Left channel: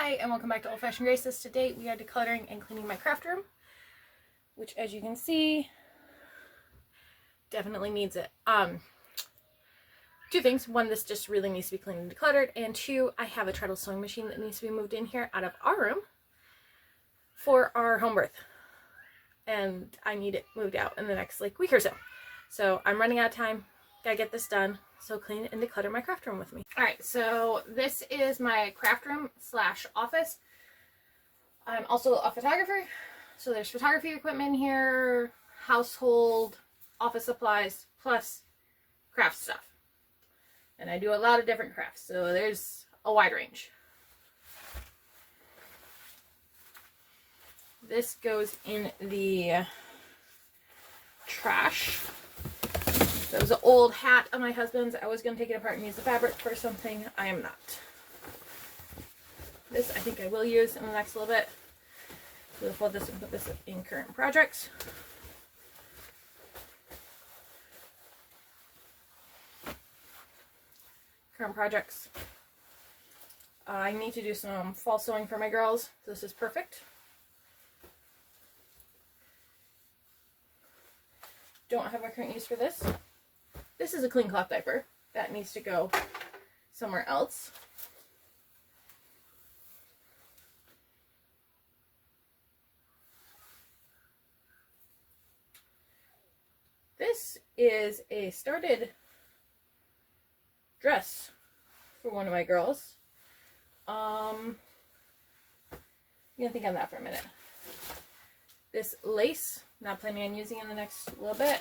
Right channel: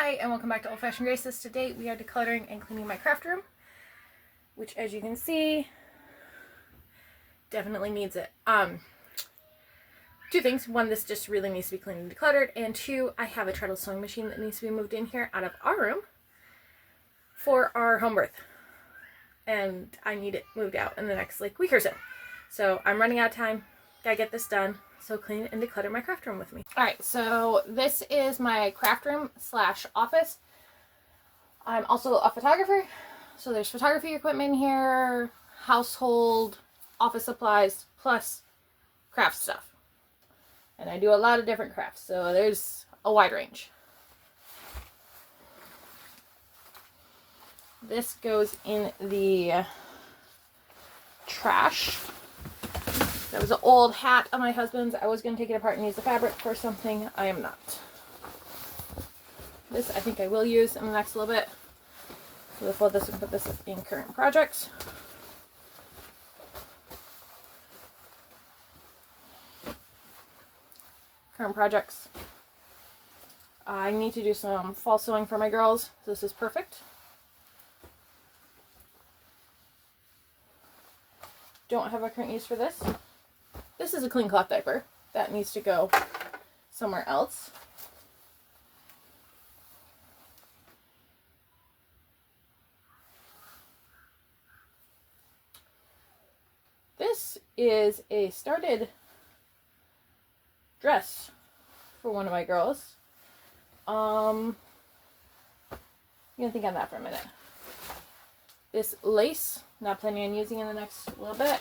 Hi and welcome back to Old Fashioned Graces. Today we are decluttering and cleaning my craft room, which as you can see definitely needs it. Two things. One, this just really needs to be cleaned and decluttered, and two, I have a treadle sewing machine that needs to be moved in here out of our room for our home birth, and I need it moved out in the next week or so. So I'm running out of time. Gotta get this done. So clean and declutter my craft room with me. Alright, so this is my craft room / office. I'm also a photographer, so there's photography equipment here, household, office supplies, plus craft stuff. And I do a lot of different crafts, so there's a wide range. This goes in the trash. That was an old hat of my husband's. I was going to take it apart and use the fabric for something. I am not. This I think I will use in the next little bit. We'll fold this and put this in current projects. Current projects. I need to do some fall sewing for my girls. So this is perfect. Don't have a current use for this. This is a clean cloth diaper. That needs to go somewhere else. This is a started dress for one of my girls. I'm gonna think on that for a minute. This lace, not planning on using in the next little bit.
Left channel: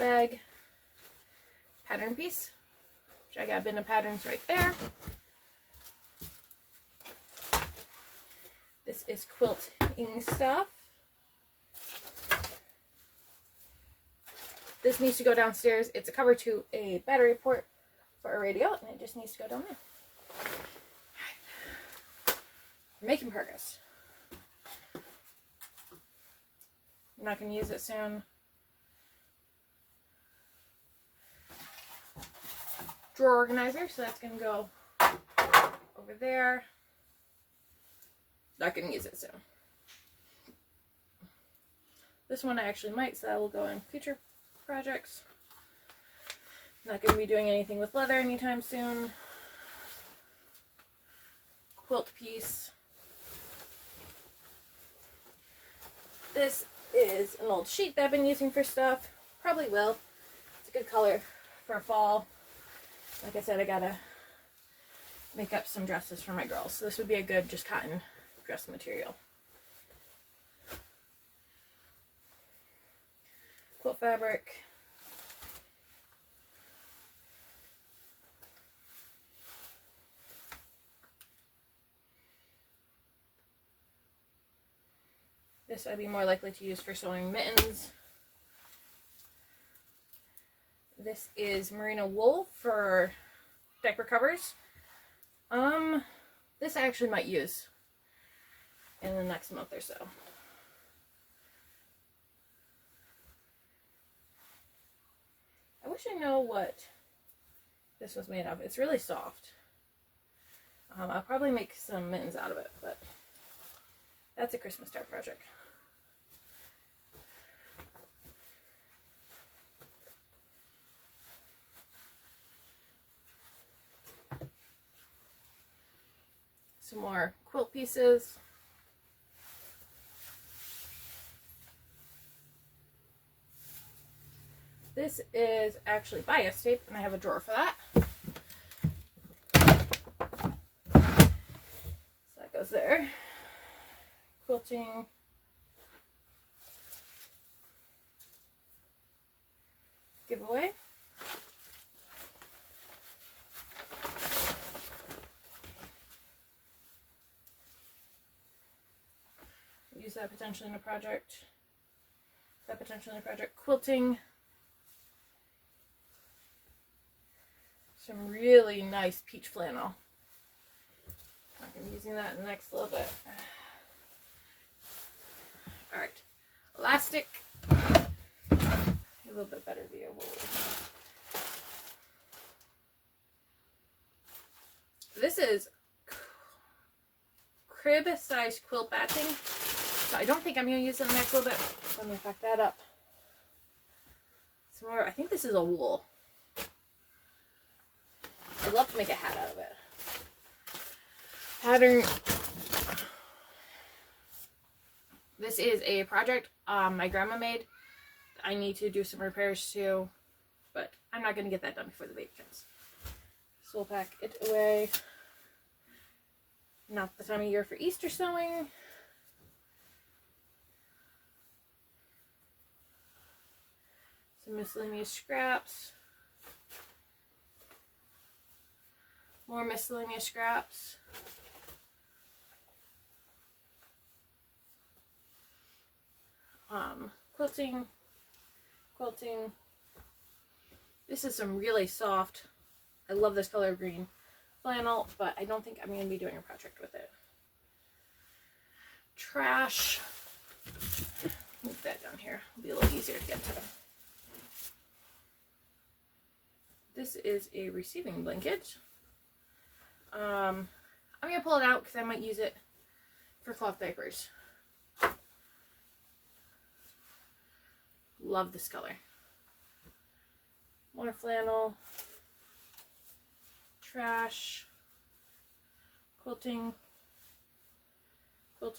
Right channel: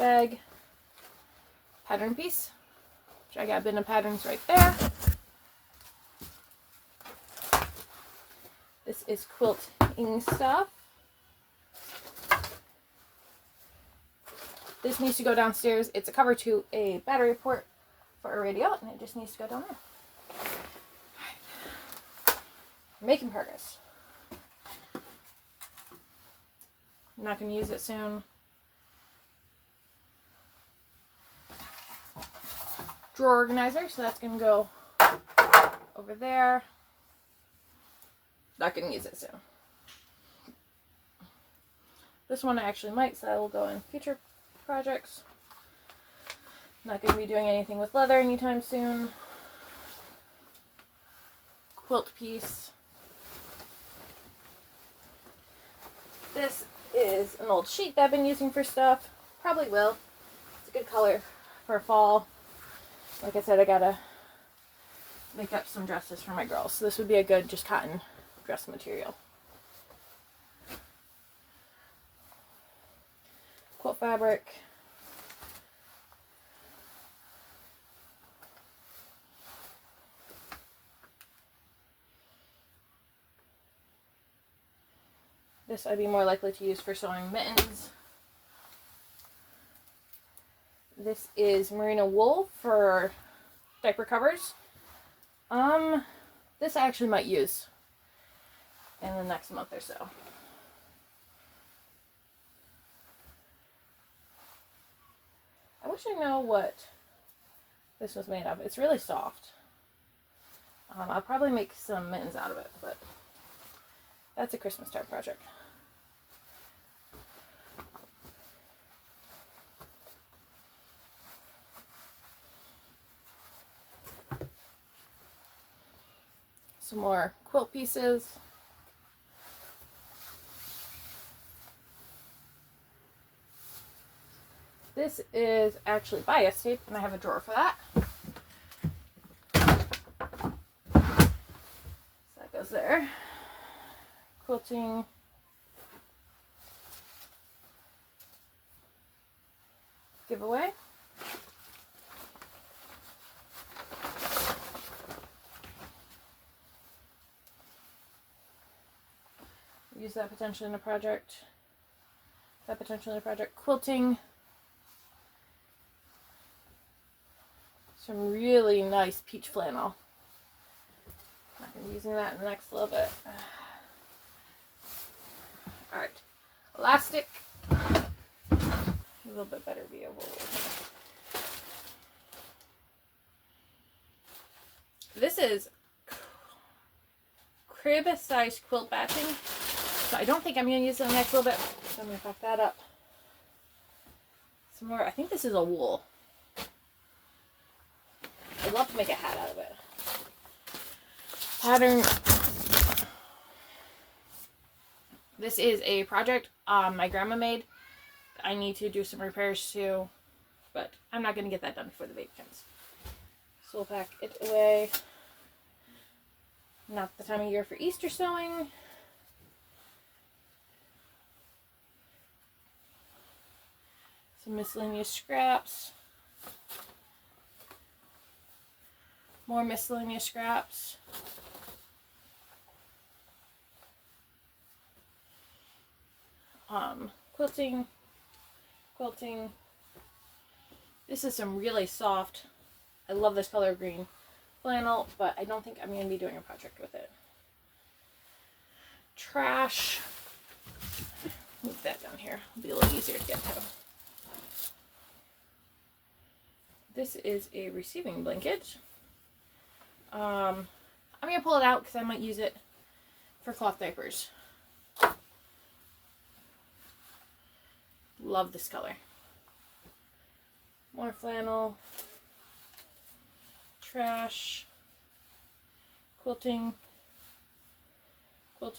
Bag. Pattern piece, which I got a bin of patterns right there. This is quilting stuff. This needs to go downstairs. It's a cover to a battery port for a radio, and it just needs to go down there. Making progress. I'm not going to use it soon. Drawer organizer, so that's going to go over there. Not going to use it soon. This one I actually might, so that will go in future projects. Not going to be doing anything with leather anytime soon. Quilt piece. This is an old sheet that I've been using for stuff. Probably will. It's a good color for fall. Like I said, I gotta make up some dresses for my girls. So this would be a good just cotton dress material. Quilt fabric. This I'd be more likely to use for sewing mittens. This is merino wool for diaper covers. This I actually might use in the next month or so. I wish I know what this was made of. It's really soft. I'll probably make some mittens out of it, but that's a Christmas time project. Some more quilt pieces. This is actually bias tape, and I have a drawer for that. So that goes there. Quilting. Giveaway. Use that potentially in a project. That potentially in a project. Quilting. Some really nice peach flannel. I'm going to be using that in the next little bit. Alright. Elastic. A little bit better view. This is crib size quilt batching. So I don't think I'm going to use it in the next little bit. So I'm going to pack that up. Some more, I think this is a wool. I'd love to make a hat out of it. Pattern. This is a project my grandma made. I need to do some repairs to, but I'm not going to get that done before the baby comes. So we'll pack it away. Not the time of year for Easter sewing. Some miscellaneous scraps. More miscellaneous scraps. Quilting. This is some really soft, I love this color green flannel, but I don't think I'm going to be doing a project with it. Trash. Move that down here. It'll be a little easier to get to. This is a receiving blanket. I'm going to pull it out because I might use it for cloth diapers. Love this color. More flannel. Trash. Quilting. More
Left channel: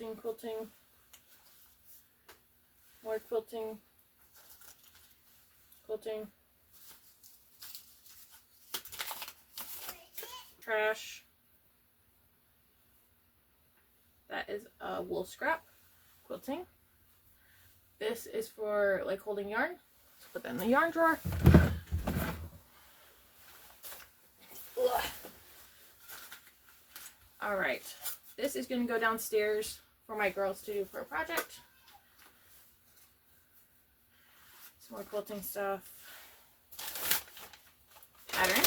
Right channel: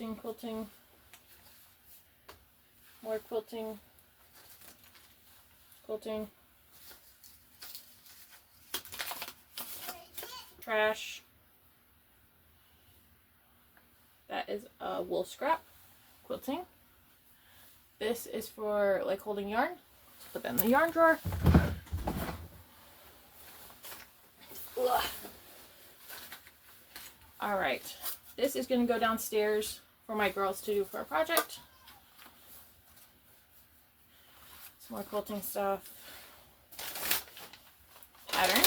quilting. Trash. That is a wool scrap. Quilting. This is for like holding yarn. Let's put that in the yarn drawer. Ugh. All right, this is going to go downstairs for my girls to do for a project. Some more quilting stuff. Pattern.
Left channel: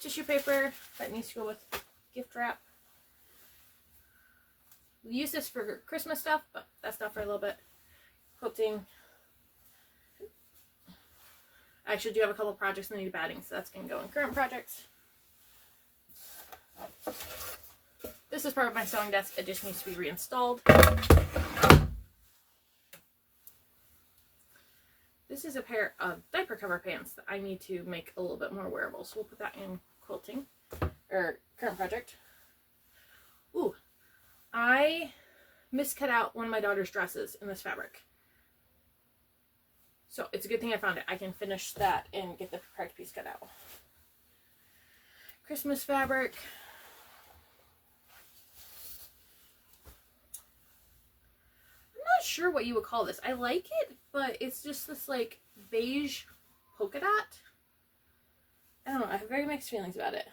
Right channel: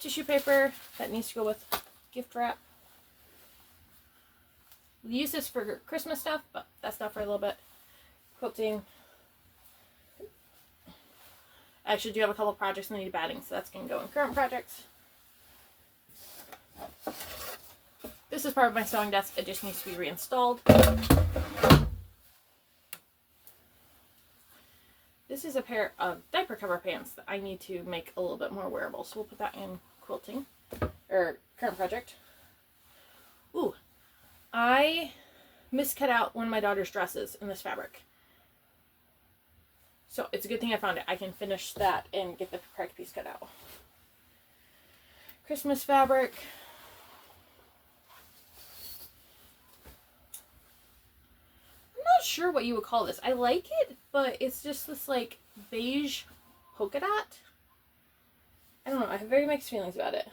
Tissue paper that needs to go with gift wrap. We use this for Christmas stuff, but that's not for a little bit. Quilting. I actually do have a couple projects that need batting, so that's going to go in current projects. This is part of my sewing desk. It just needs to be reinstalled. This is a pair of diaper cover pants that I need to make a little bit more wearable, so we'll put that in quilting, or current project. Ooh, I miscut out one of my daughter's dresses in this fabric. So it's a good thing I found it. I can finish that and get the correct piece cut out. Christmas fabric. I'm not sure what you would call this. I like it, but it's just this like beige polka dot. I don't know. I have very mixed feelings about it.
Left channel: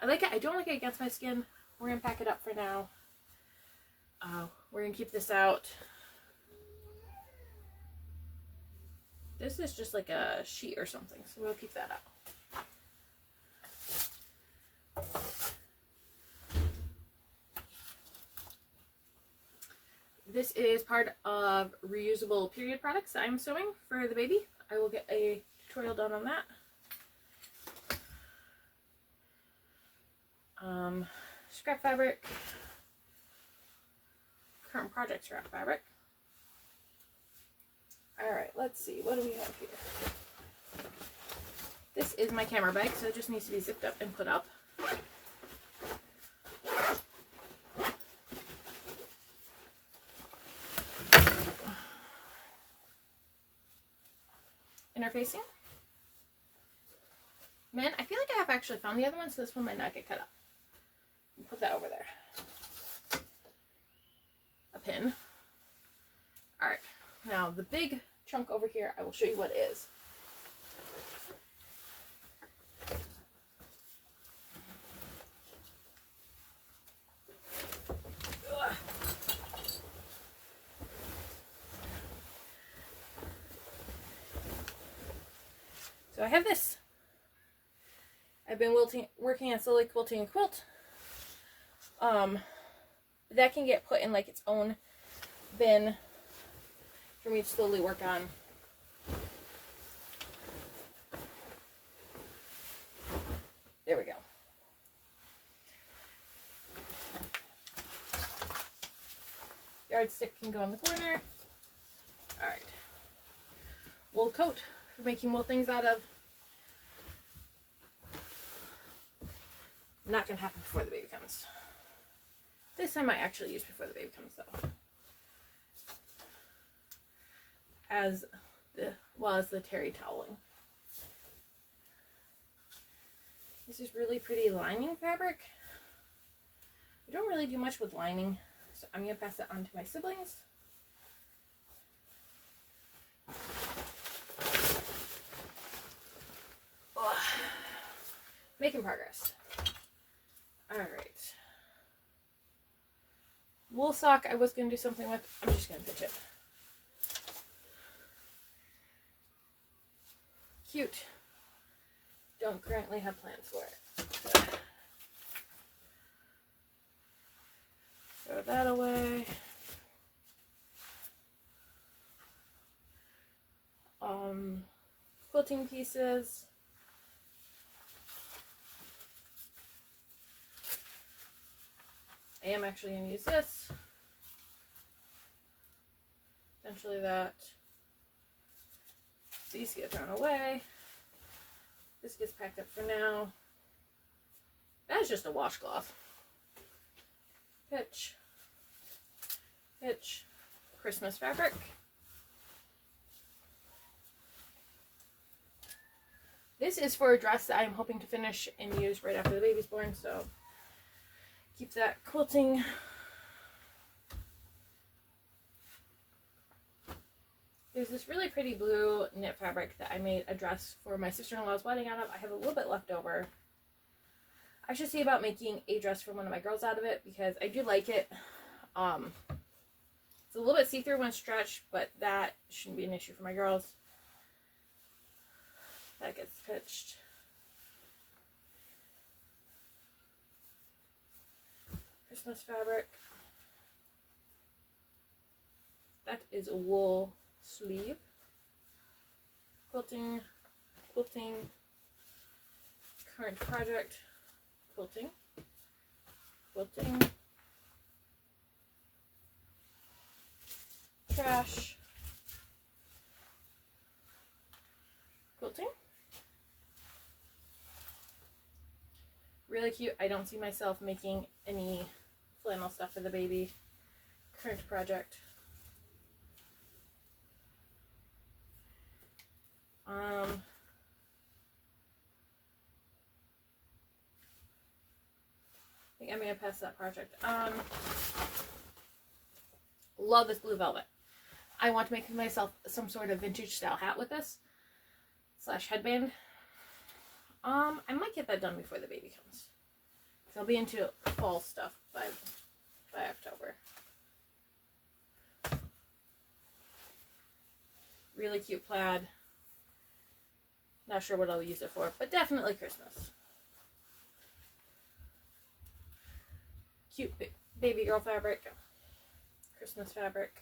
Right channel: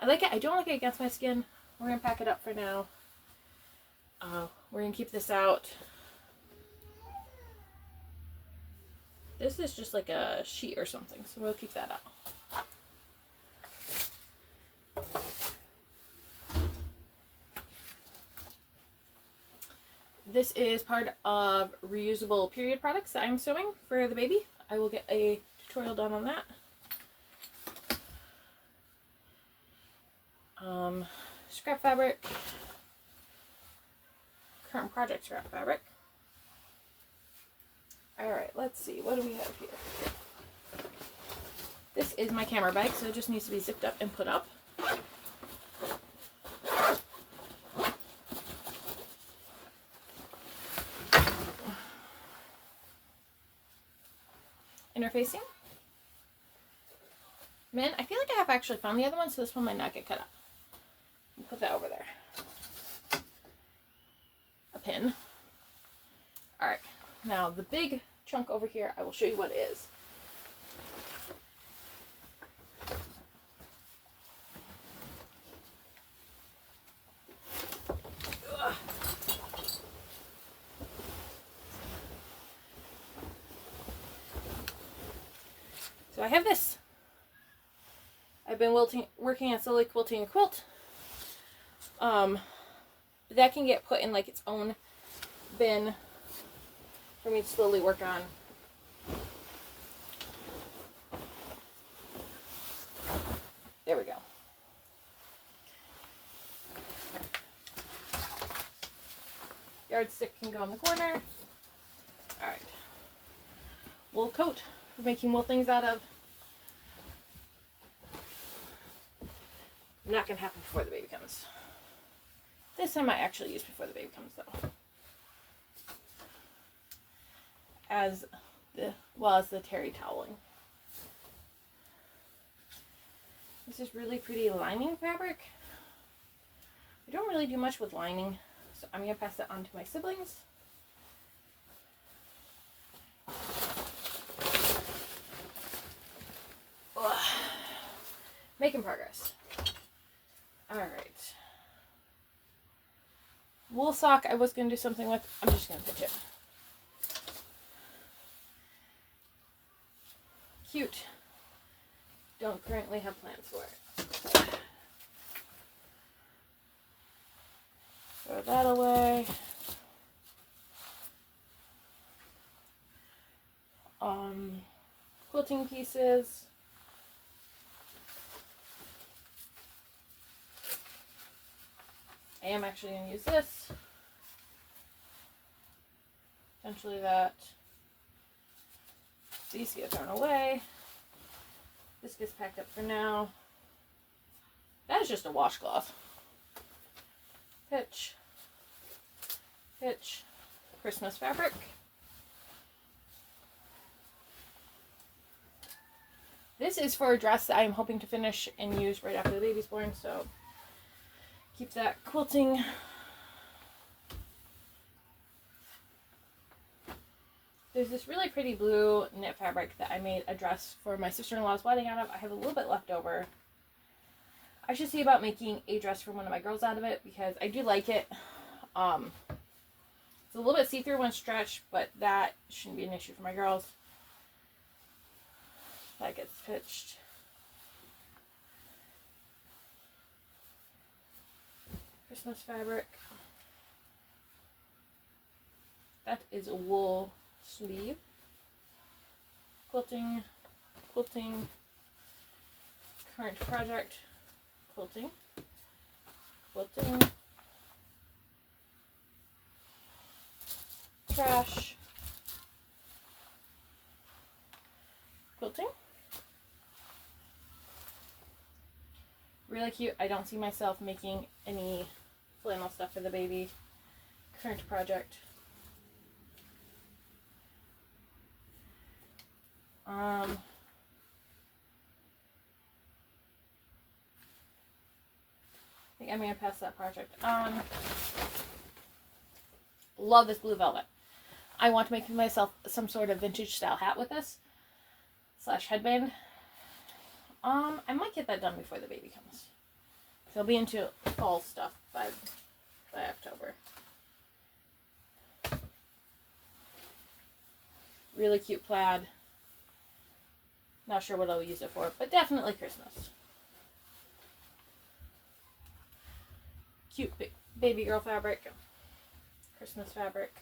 I like it. I don't like it against my skin. We're going to pack it up for now. We're going to keep this out. This is just like a sheet or something, so we'll keep that out. This is part of reusable period products that I'm sewing for the baby. I will get a tutorial done on that. Scrap fabric. Current project scrap fabric. Alright, let's see. What do we have here? This is my camera bag, so it just needs to be zipped up and put up. Interfacing. Man, I feel like I have actually found the other one, so this one might not get cut up. Put that over there. A pin. Alright, now the big chunk over here, I will show you what it is. Ugh. So I have this. I've been working on slowly quilting a quilt. That can get put in like its own bin for me to slowly work on. Yardstick can go in the corner. Alright. Wool coat for making wool things out of. Not going to happen before the baby comes. This I might actually use before the baby comes, though. As the terry toweling. This is really pretty lining fabric. I don't really do much with lining, so I'm going to pass it on to my siblings. Ugh. Making progress. Alright. Wool sock I was going to do something with. I'm just going to pitch it. Cute. Don't currently have plans for it. Throw that away. Quilting pieces. I am actually going to use this. Essentially that. These get thrown away. This gets packed up for now. That is just a washcloth. Pitch. Pitch. Christmas fabric. This is for a dress that I am hoping to finish and use right after the baby's born, so keep that quilting. There's this really pretty blue knit fabric that I made a dress for my sister-in-law's wedding out of. I have a little bit left over. I should see about making a dress for one of my girls out of it because I do like it. It's a little bit see-through when stretched, but that shouldn't be an issue for my girls. That gets pitched. Christmas fabric. That is a wool sleeve. Quilting, quilting, current project, quilting, quilting, trash, quilting. Really cute. I don't see myself making any flannel stuff for the baby. Current project. I think I'm going to pass that project on. Love this blue velvet. I want to make myself some sort of vintage style hat with this. / headband. I might get that done before the baby comes. So I'll be into fall stuff by October. Really cute plaid. Not sure what I'll use it for, but definitely Christmas. Cute baby girl fabric. Christmas fabric.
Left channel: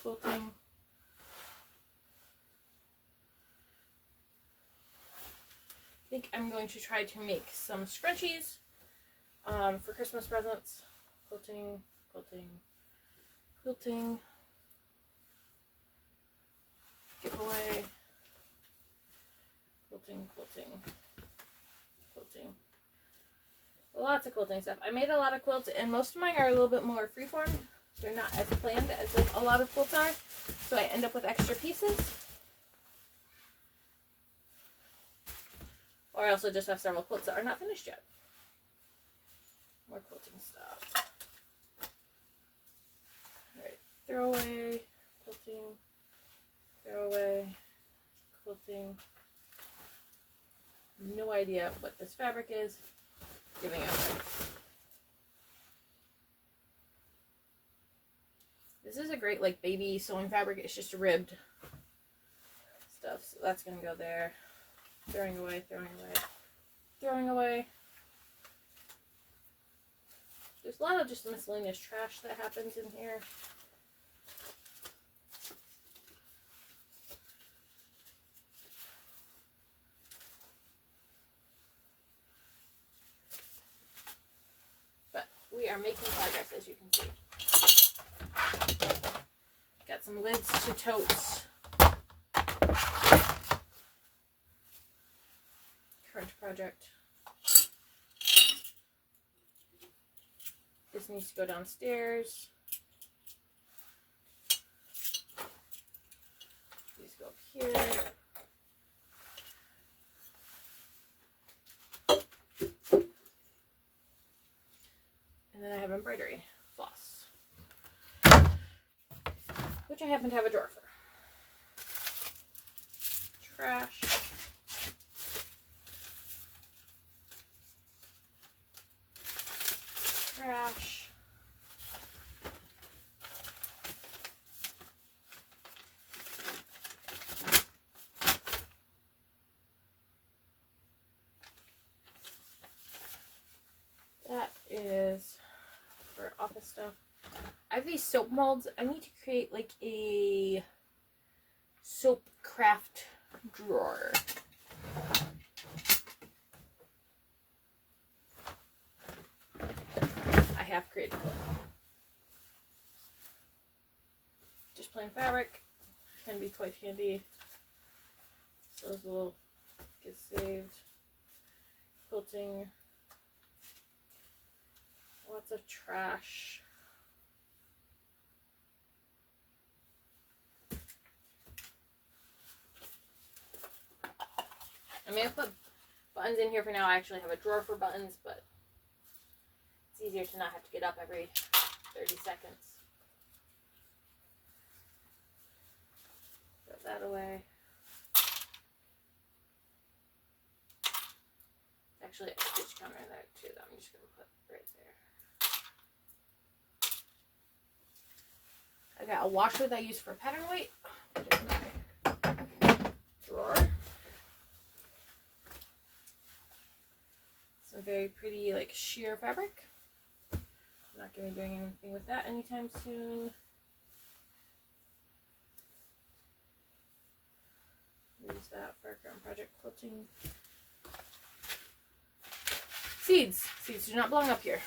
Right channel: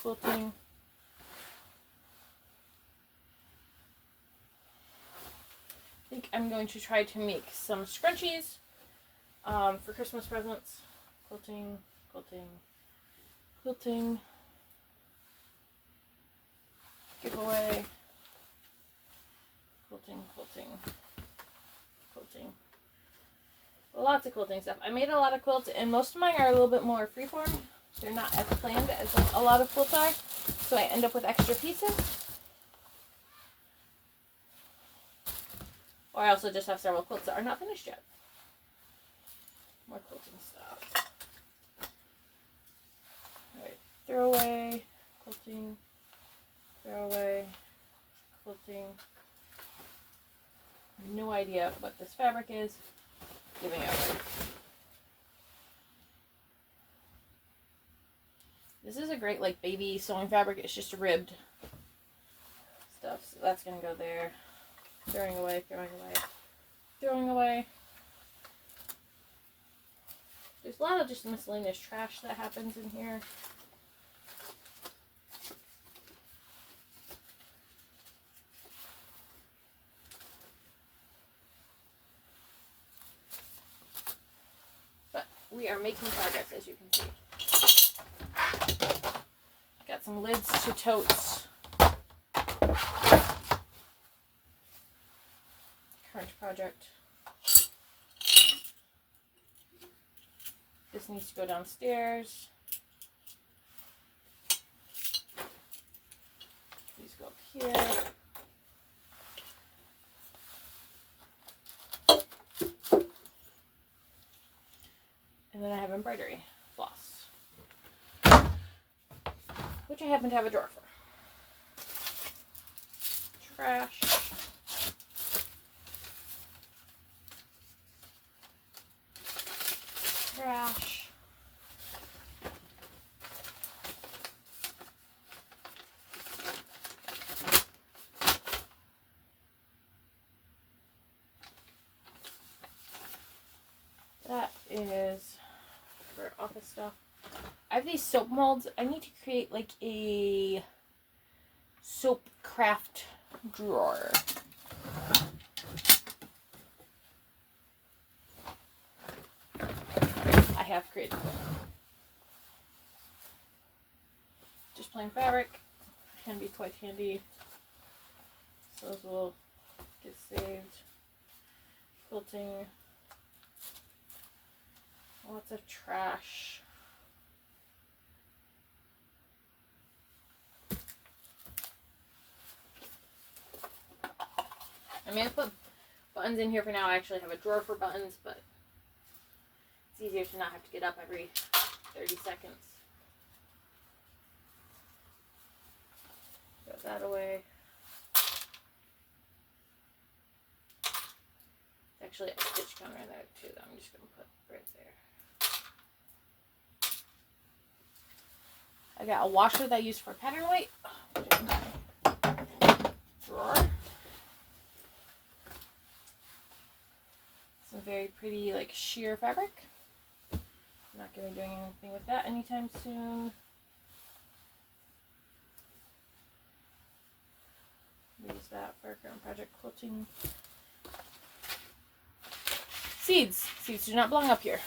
Quilting. I think I'm going to try to make some scrunchies for Christmas presents. Quilting, quilting, quilting. Giveaway. Quilting, quilting, quilting. Lots of quilting stuff. I made a lot of quilts, and most of mine are a little bit more freeform. They're not as planned as a lot of quilts are, so I end up with extra pieces. Or I also just have several quilts that are not finished yet. More quilting stuff. Alright, throw away, quilting, throw away, quilting. No idea what this fabric is. Giving it away. This is a great like baby sewing fabric. It's just ribbed stuff, so that's gonna go there. Throwing away, throwing away, throwing away. There's a lot of just miscellaneous trash that happens in here. we are making progress, as you can see. Got some lids to totes. Current project. This needs to go downstairs. These go up here. And then I have embroidery floss, which I happen to have a drawer for. Trash. Trash. That is for office stuff. I have these soap molds. I need to create like a soap craft drawer. I have created one. Just plain fabric can be quite handy. So those will get saved. Quilting. Lots of trash. I mean, I put buttons in here for now. I actually have a drawer for buttons, but it's easier to not have to get up every 30 seconds. Throw that away. There's actually a stitch counter in there too that I'm just going to put right there. I got a washer that I use for pattern weight. Drawer. Some very pretty like sheer fabric. I'm not going to be doing anything with that anytime soon. Use that for current project quilting. Seeds. Seeds do not belong up here.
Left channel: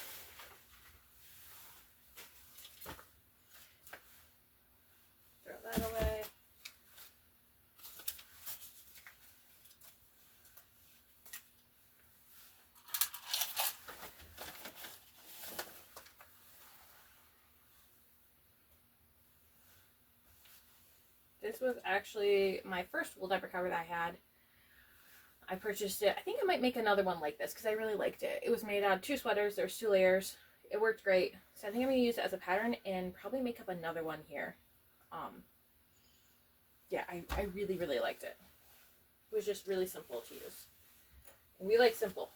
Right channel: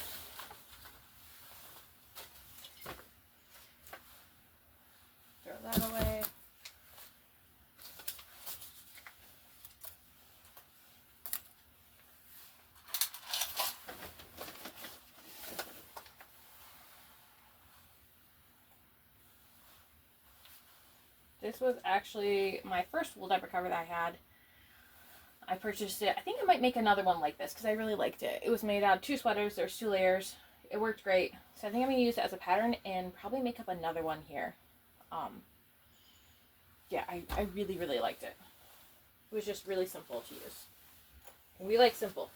Throw that away. This was actually my first wool diaper cover that I had. I purchased it. I think I might make another one like this because I really liked it. It was made out of 2 sweaters. There's 2 layers. It worked great. So I think I'm going to use it as a pattern and probably make up another one here. Yeah, I really, really liked it. It was just really simple to use. And we like simple.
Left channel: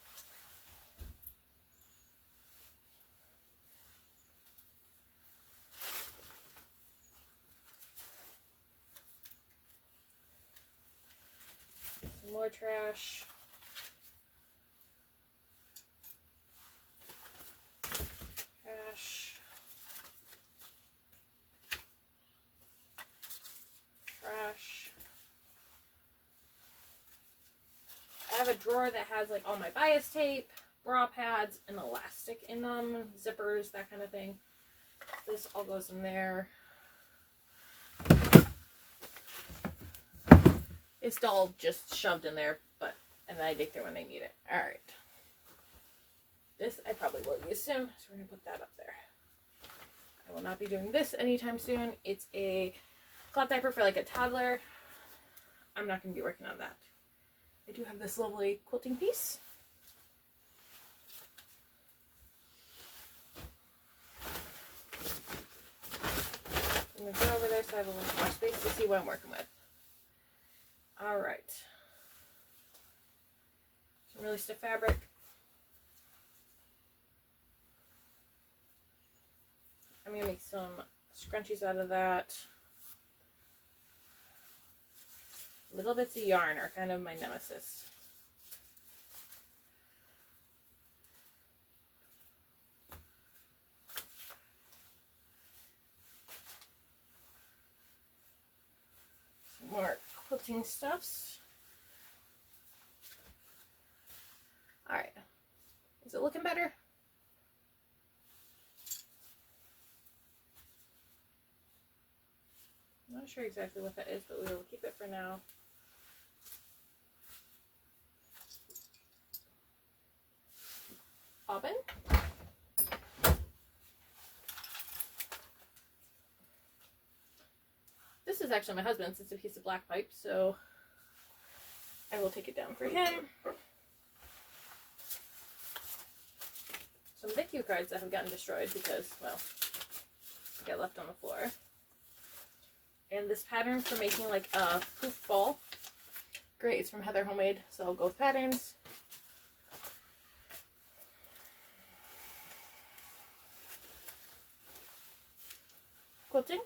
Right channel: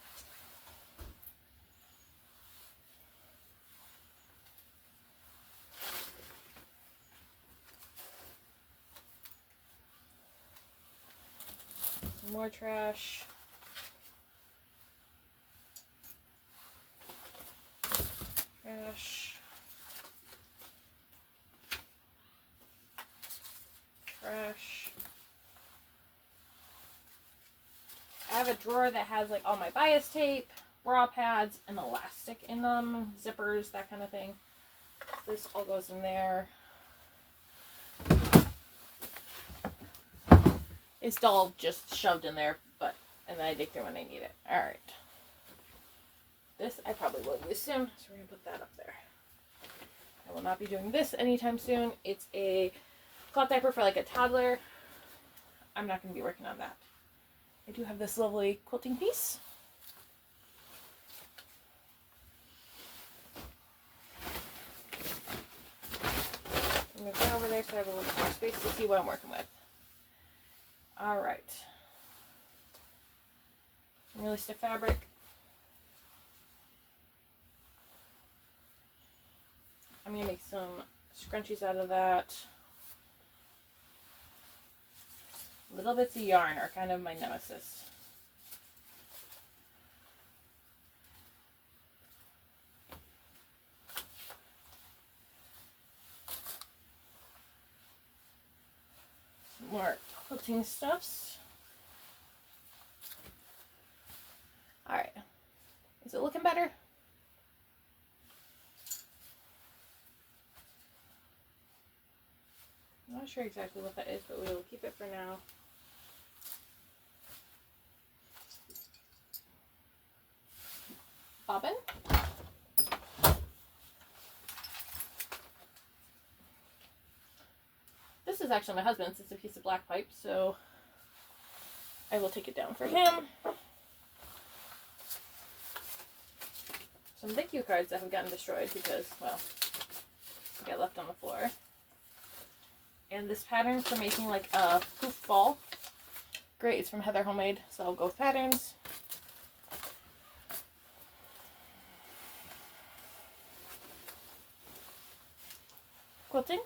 More trash. Trash. Trash. I have a drawer that has like all my bias tape, bra pads, and elastic in them, zippers, that kind of thing. This all goes in there. It's all just shoved in there, and then I dig through when I need it. Alright. This I probably will use soon, so we're going to put that up there. I will not be doing this anytime soon. It's a cloth diaper for like a toddler. I'm not going to be working on that. I do have this lovely quilting piece. I'm going to go over there so I have a little more space to see what I'm working with. Alright. Some really stiff fabric. I'm going to make some scrunchies out of that. Little bits of yarn are kind of my nemesis. Some more quilting stuffs. Alright. Is it looking better? not sure exactly what that is, but we will keep it for now. Bobbin. This is actually my husband's. It's a piece of black pipe, so I will take it down for him. Some thank you cards that have gotten destroyed because, well, they got left on the floor. And this pattern for making like a poof ball. Great, it's from Heather Homemade, so I'll go with patterns. Quilting.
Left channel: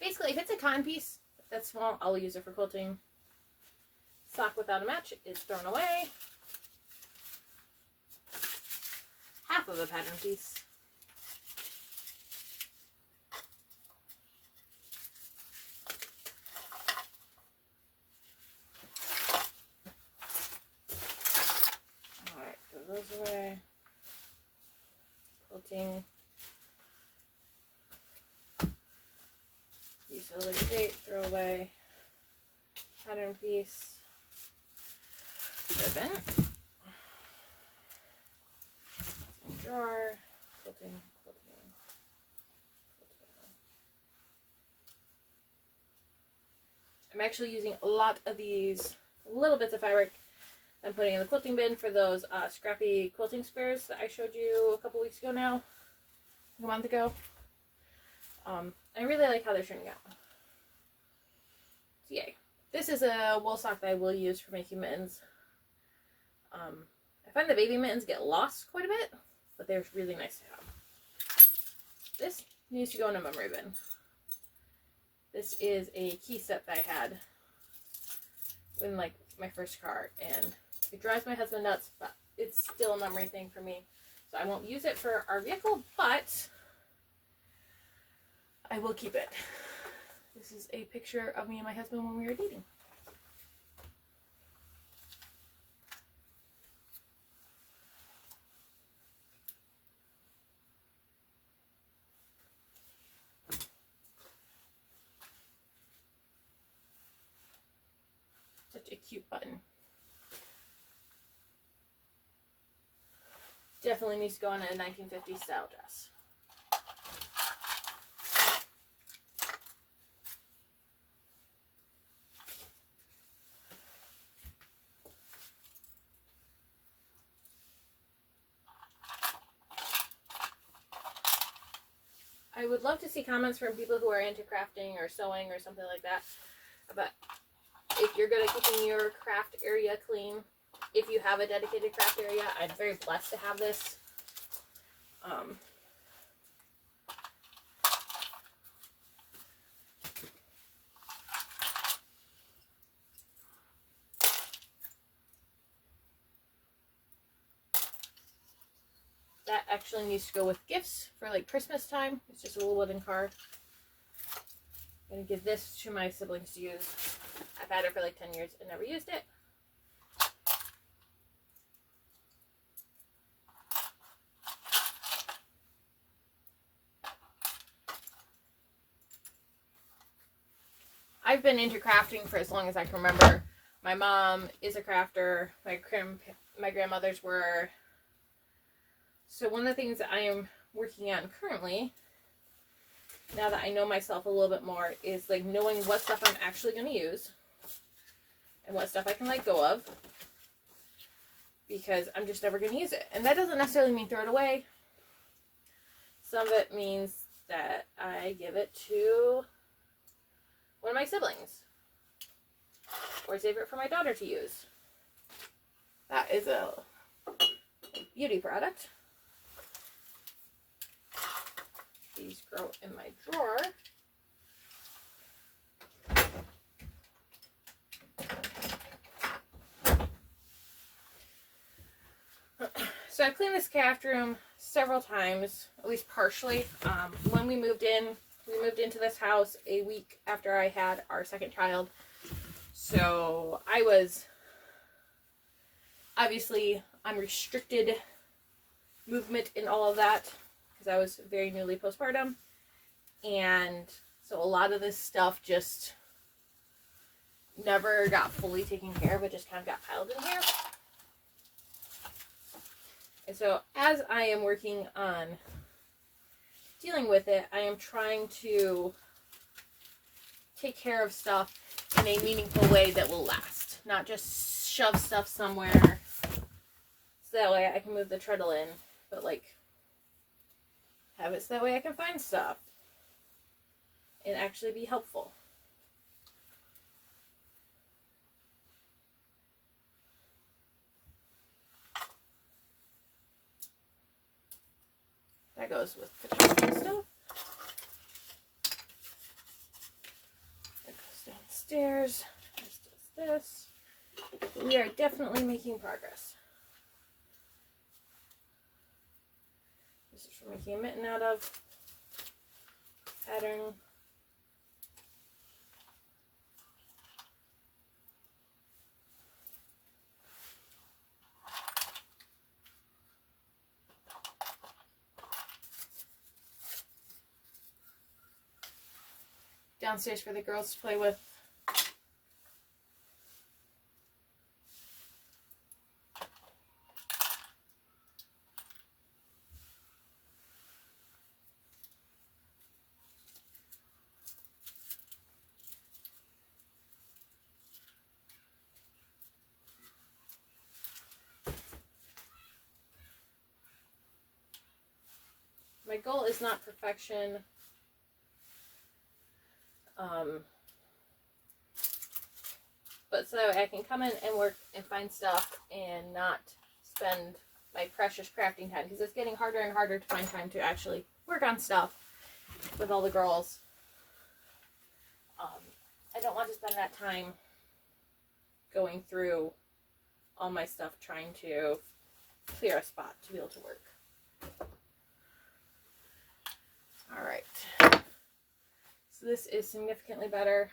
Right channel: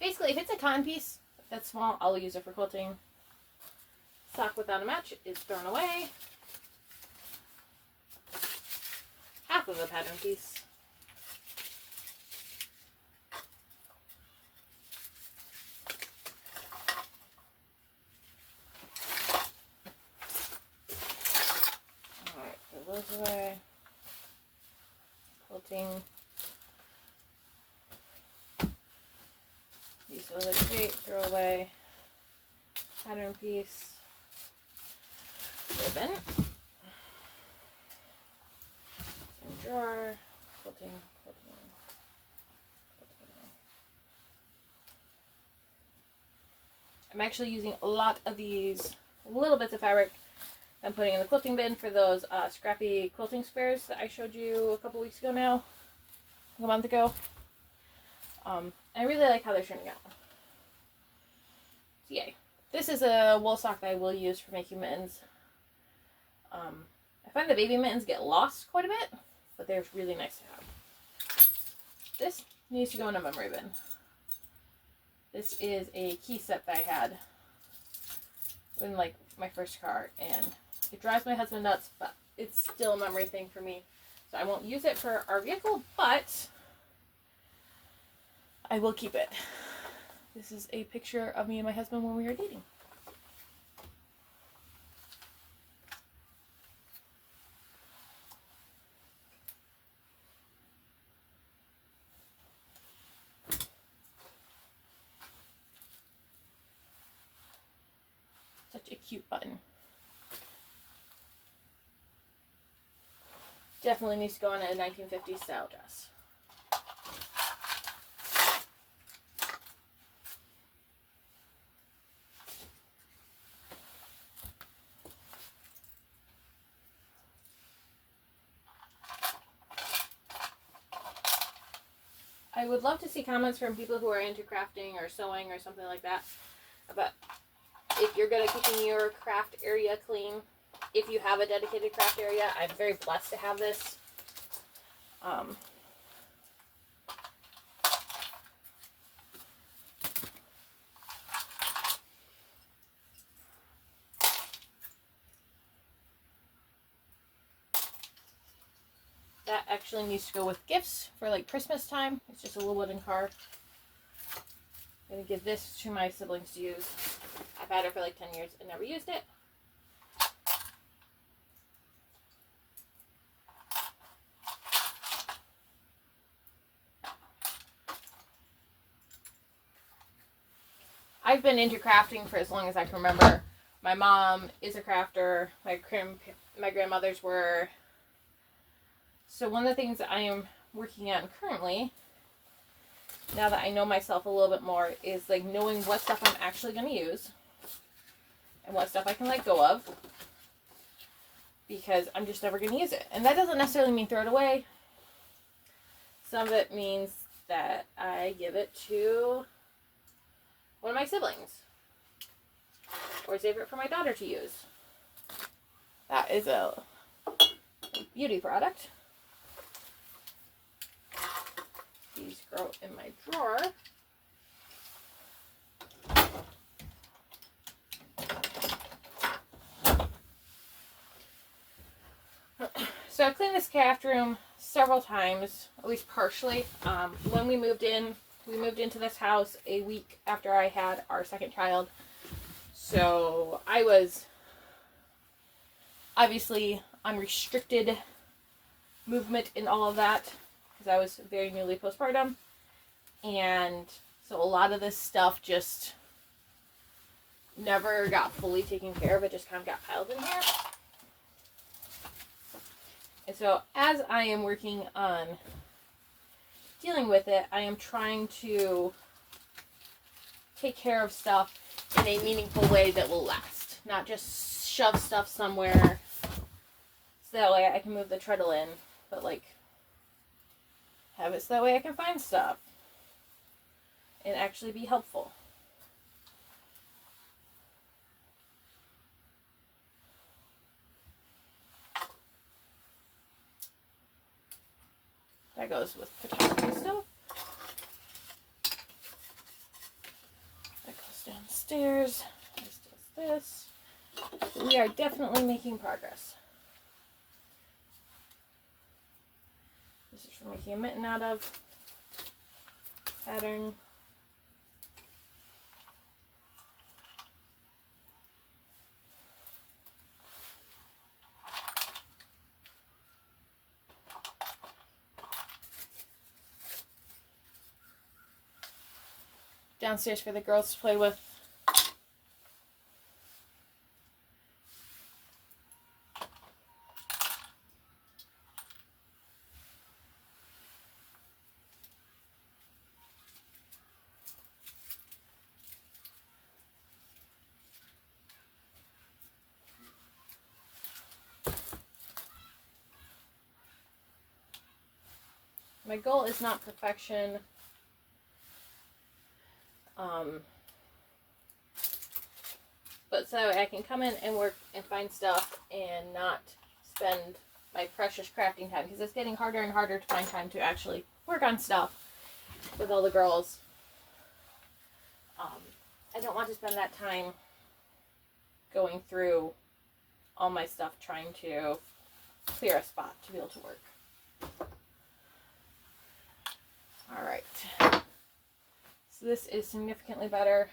Basically, if it's a cotton piece that's small, I'll use it for quilting. Sock without a match is thrown away. Half of a pattern piece. Alright, throw those away. Quilting. Piece of liquid tape, throw away. Pattern piece. Ribbon. Drawer. Quilting. I'm actually using a lot of these little bits of fabric I'm putting in the quilting bin for those scrappy quilting spares that I showed you a couple weeks ago now. A month ago. I really like how they're turning out. So yay. This is a wool sock that I will use for making mittens. I find the baby mittens get lost quite a bit, but they're really nice to have. This needs to go in a memory bin. This is a key set that I had in like my first car, and it drives my husband nuts, but it's still a memory thing for me. So I won't use it for our vehicle, but I will keep it. This is a picture of me and my husband when we were dating. Such a cute button. Definitely needs to go on a 1950s style dress. I would love to see comments from people who are into crafting or sewing or something like that about if you're good at keeping your craft area clean. If you have a dedicated craft area, I'm very blessed to have this. That actually needs to go with gifts for like Christmas time. It's just a little wooden card. I'm going to give this to my siblings to use. I've had it for like 10 years and never used it. I've been into crafting for as long as I can remember. My mom is a crafter. My grandmothers were. So one of the things that I am working on currently, now that I know myself a little bit more, is like knowing what stuff I'm actually going to use and what stuff I can let go of, because I'm just never going to use it. And that doesn't necessarily mean throw it away. Some of it means that I give it to one of my siblings or save it for my daughter to use. That is a beauty product. These go in my drawer. So I've cleaned this craft room several times, at least partially. When we moved into this house a week after I had our second child. So I was obviously on restricted movement in all of that, because I was very newly postpartum. And so a lot of this stuff just never got fully taken care of. It just kind of got piled in here. And so as I am working on dealing with it, I am trying to take care of stuff in a meaningful way that will last. Not just shove stuff somewhere so that way I can move the treadle in, but like have it so that way I can find stuff and actually be helpful. That goes with photography stuff. That goes downstairs. This does this. We are definitely making progress. This is for making a mitten out of. Pattern. Downstairs for the girls to play with. My goal is not perfection. But so I can come in and work and find stuff and not spend my precious crafting time, because it's getting harder and harder to find time to actually work on stuff with all the girls. I don't want to spend that time going through all my stuff trying to clear a spot to be able to work. Alright. So this is significantly better.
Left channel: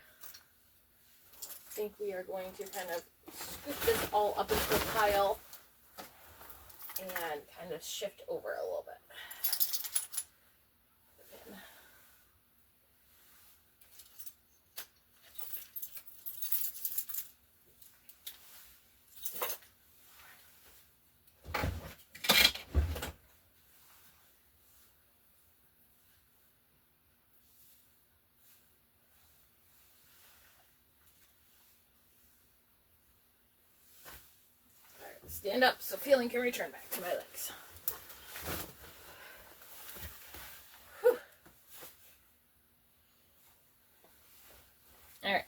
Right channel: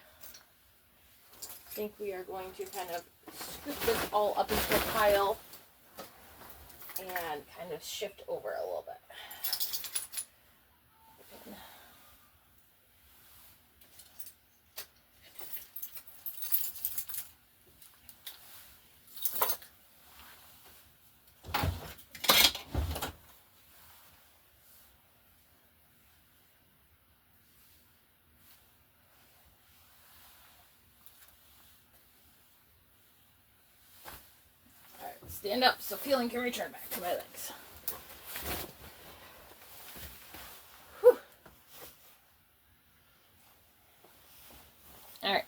I think we are going to kind of scoop this all up into a pile and kind of shift over a little bit. Stand up so feeling can return back to my legs. Whew. Alright.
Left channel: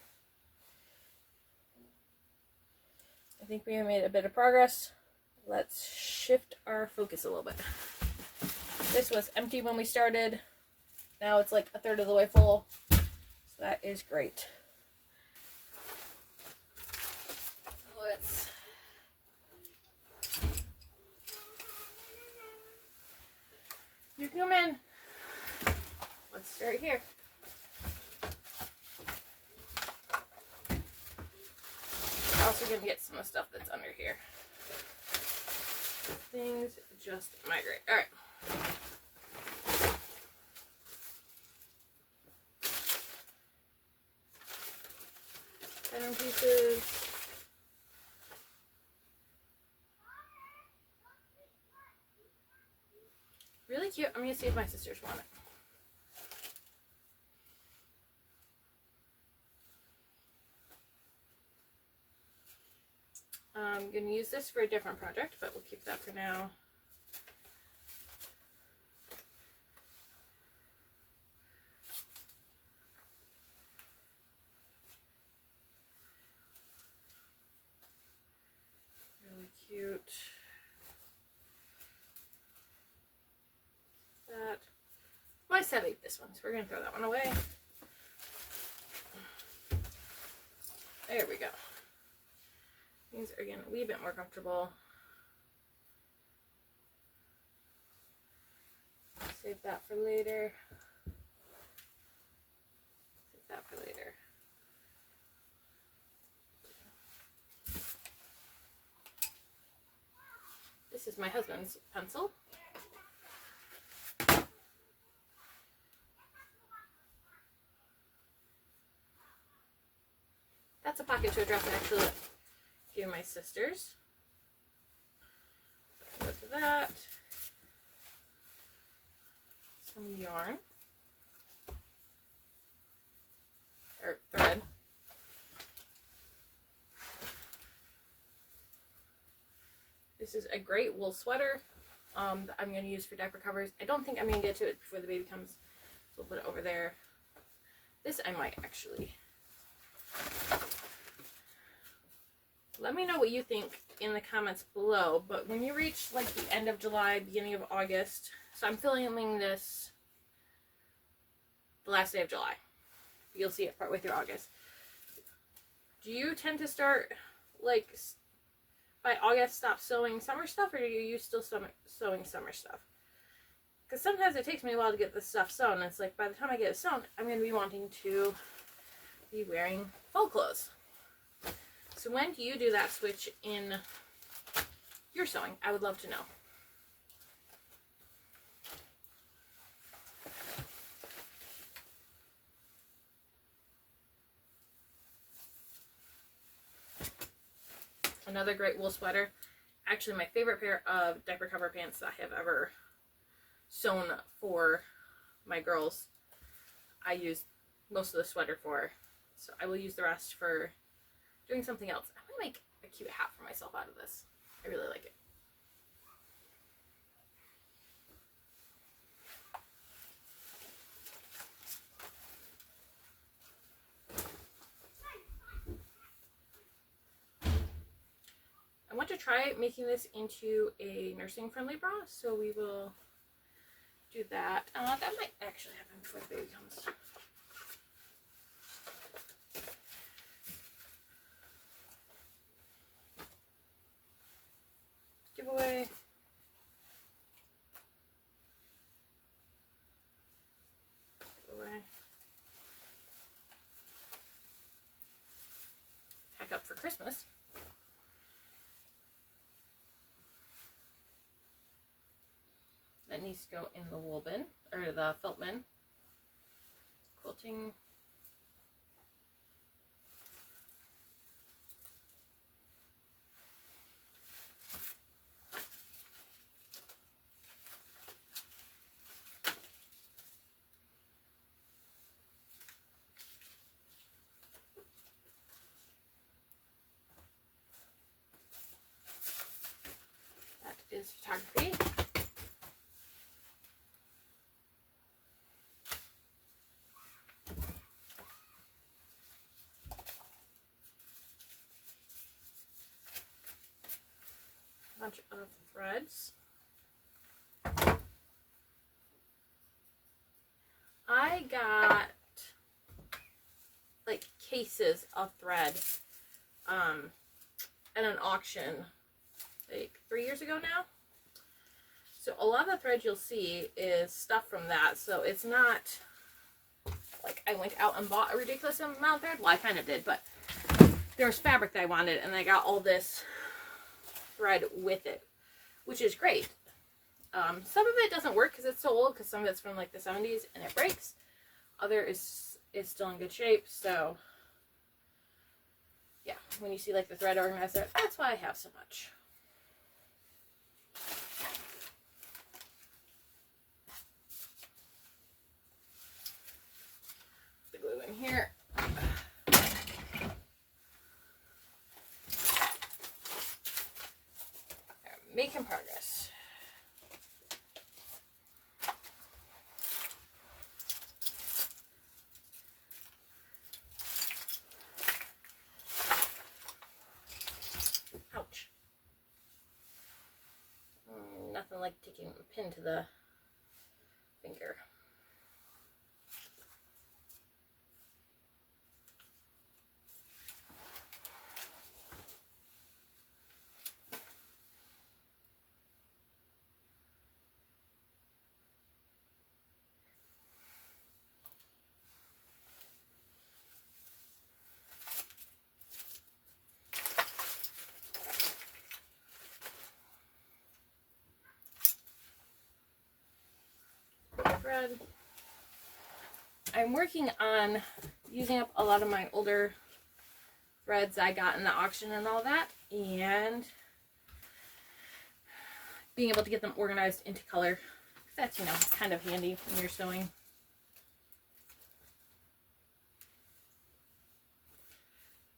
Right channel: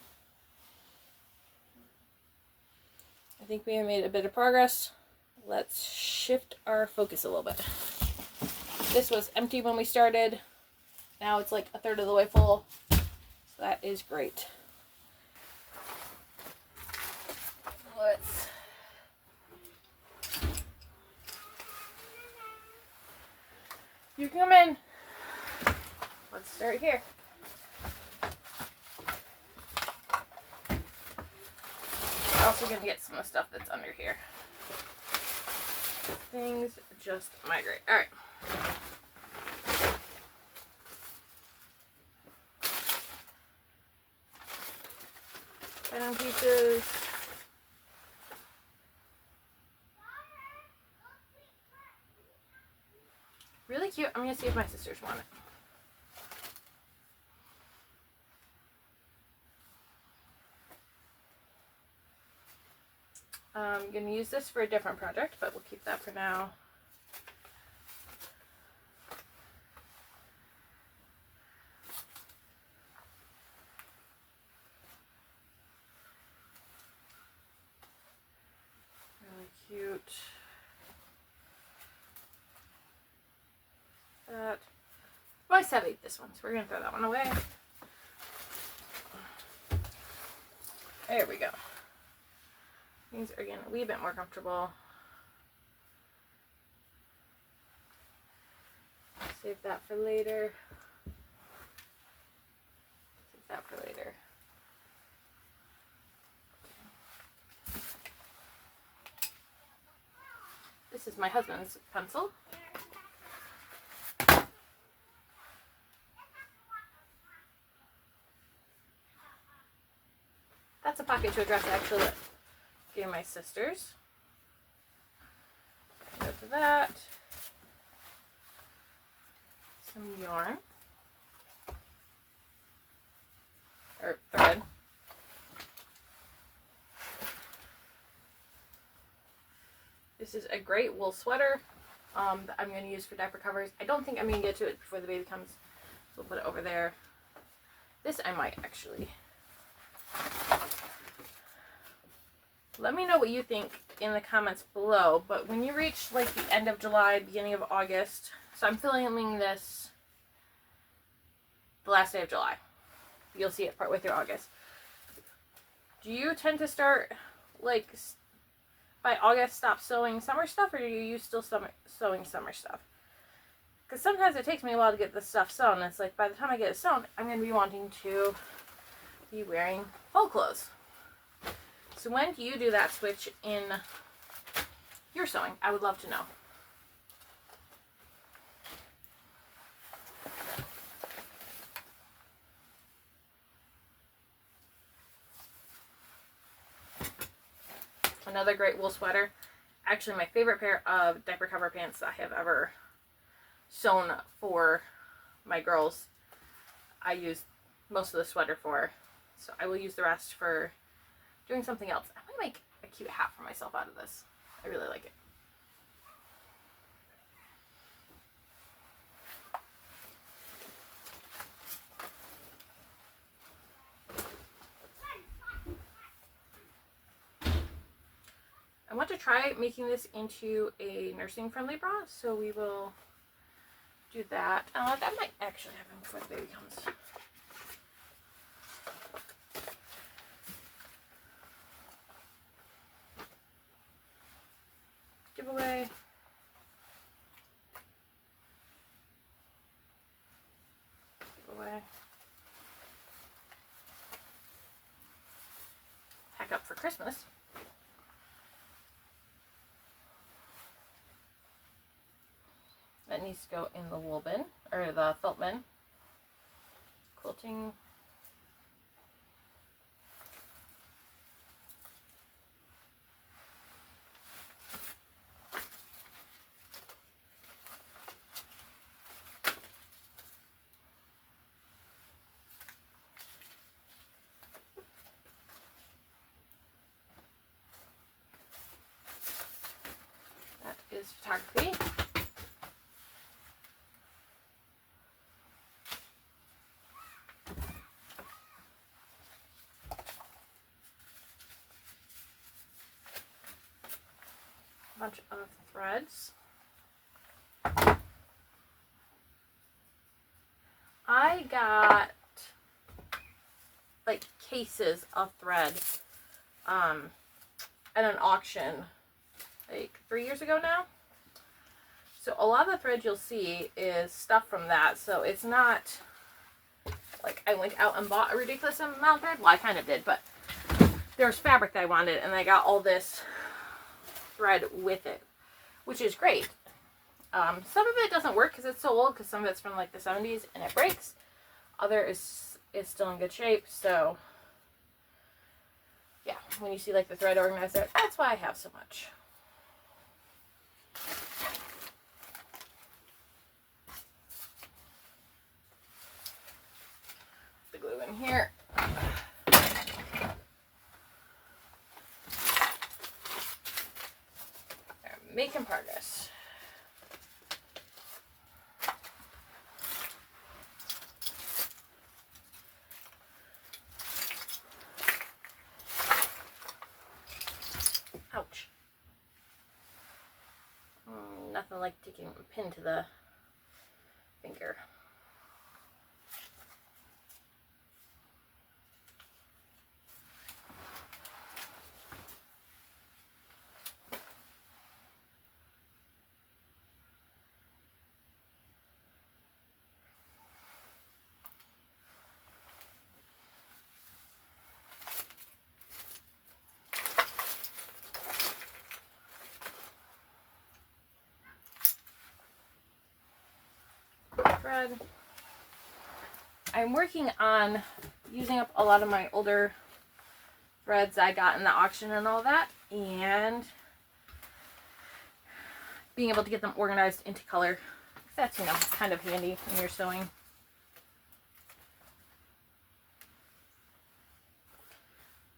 I think we have made a bit of progress. Let's shift our focus a little bit. This was empty when we started. Now it's like a third of the way full. So that is great. Let's You come in. Let's start here. Also gonna get some of the stuff that's under here. Things just migrate. Alright. Pattern pieces. Really cute. I'm going to see if my sisters want it. I'm going to use this for a different project, but we'll keep that for now. Really cute. That. Well, I said I ate this one, so we're going to throw that one away. There we go. These are getting a wee bit more comfortable. Save that for later. Save that for later. This is my husband's pencil. That's a pocket to address actually that gave my sisters. Go to that. Some yarn. Or thread. This is a great wool sweater that I'm going to use for diaper covers. I don't think I'm going to get to it before the baby comes, so we'll put it over there. This I might actually. Let me know what you think in the comments below, but when you reach like the end of July, beginning of August, so I'm filming this the last day of July. You'll see it partway through August. Do you tend to start, like, by August stop sewing summer stuff, or do you still sewing summer stuff? Because sometimes it takes me a while to get this stuff sewn. It's like by the time I get it sewn, I'm going to be wanting to be wearing fall clothes. So when do you do that switch in your sewing? I would love to know. Another great wool sweater. Actually, my favorite pair of diaper cover pants that I have ever sewn for my girls. I use most of the sweater for, so I will use the rest for doing something else. I'm gonna make a cute hat for myself out of this. I really like it. I want to try making this into a nursing friendly bra, so we will do that. That might actually happen before the baby comes. Giveaway. Giveaway. Pack up for Christmas. That needs to go in the wool bin, or the felt bin. Quilting. That is photography. Bunch of threads. I got like cases of thread at an auction like 3 years ago now. So a lot of the thread you'll see is stuff from that. So it's not like I went out and bought a ridiculous amount of thread. Well, I kind of did, but there was fabric that I wanted, and I got all this thread with it, which is great. Some of it doesn't work because it's so old, because some of it's from like the 70s and it breaks. Other is still in good shape. So yeah, when you see like the thread organizer, that's why I have so much. The glue in here. Making progress. Ouch. Nothing like taking a pin to the finger. Thread. I'm working on using up a lot of my older threads I got in the auction and all that, and being able to get them organized into color. That's, you know, kind of handy when you're sewing.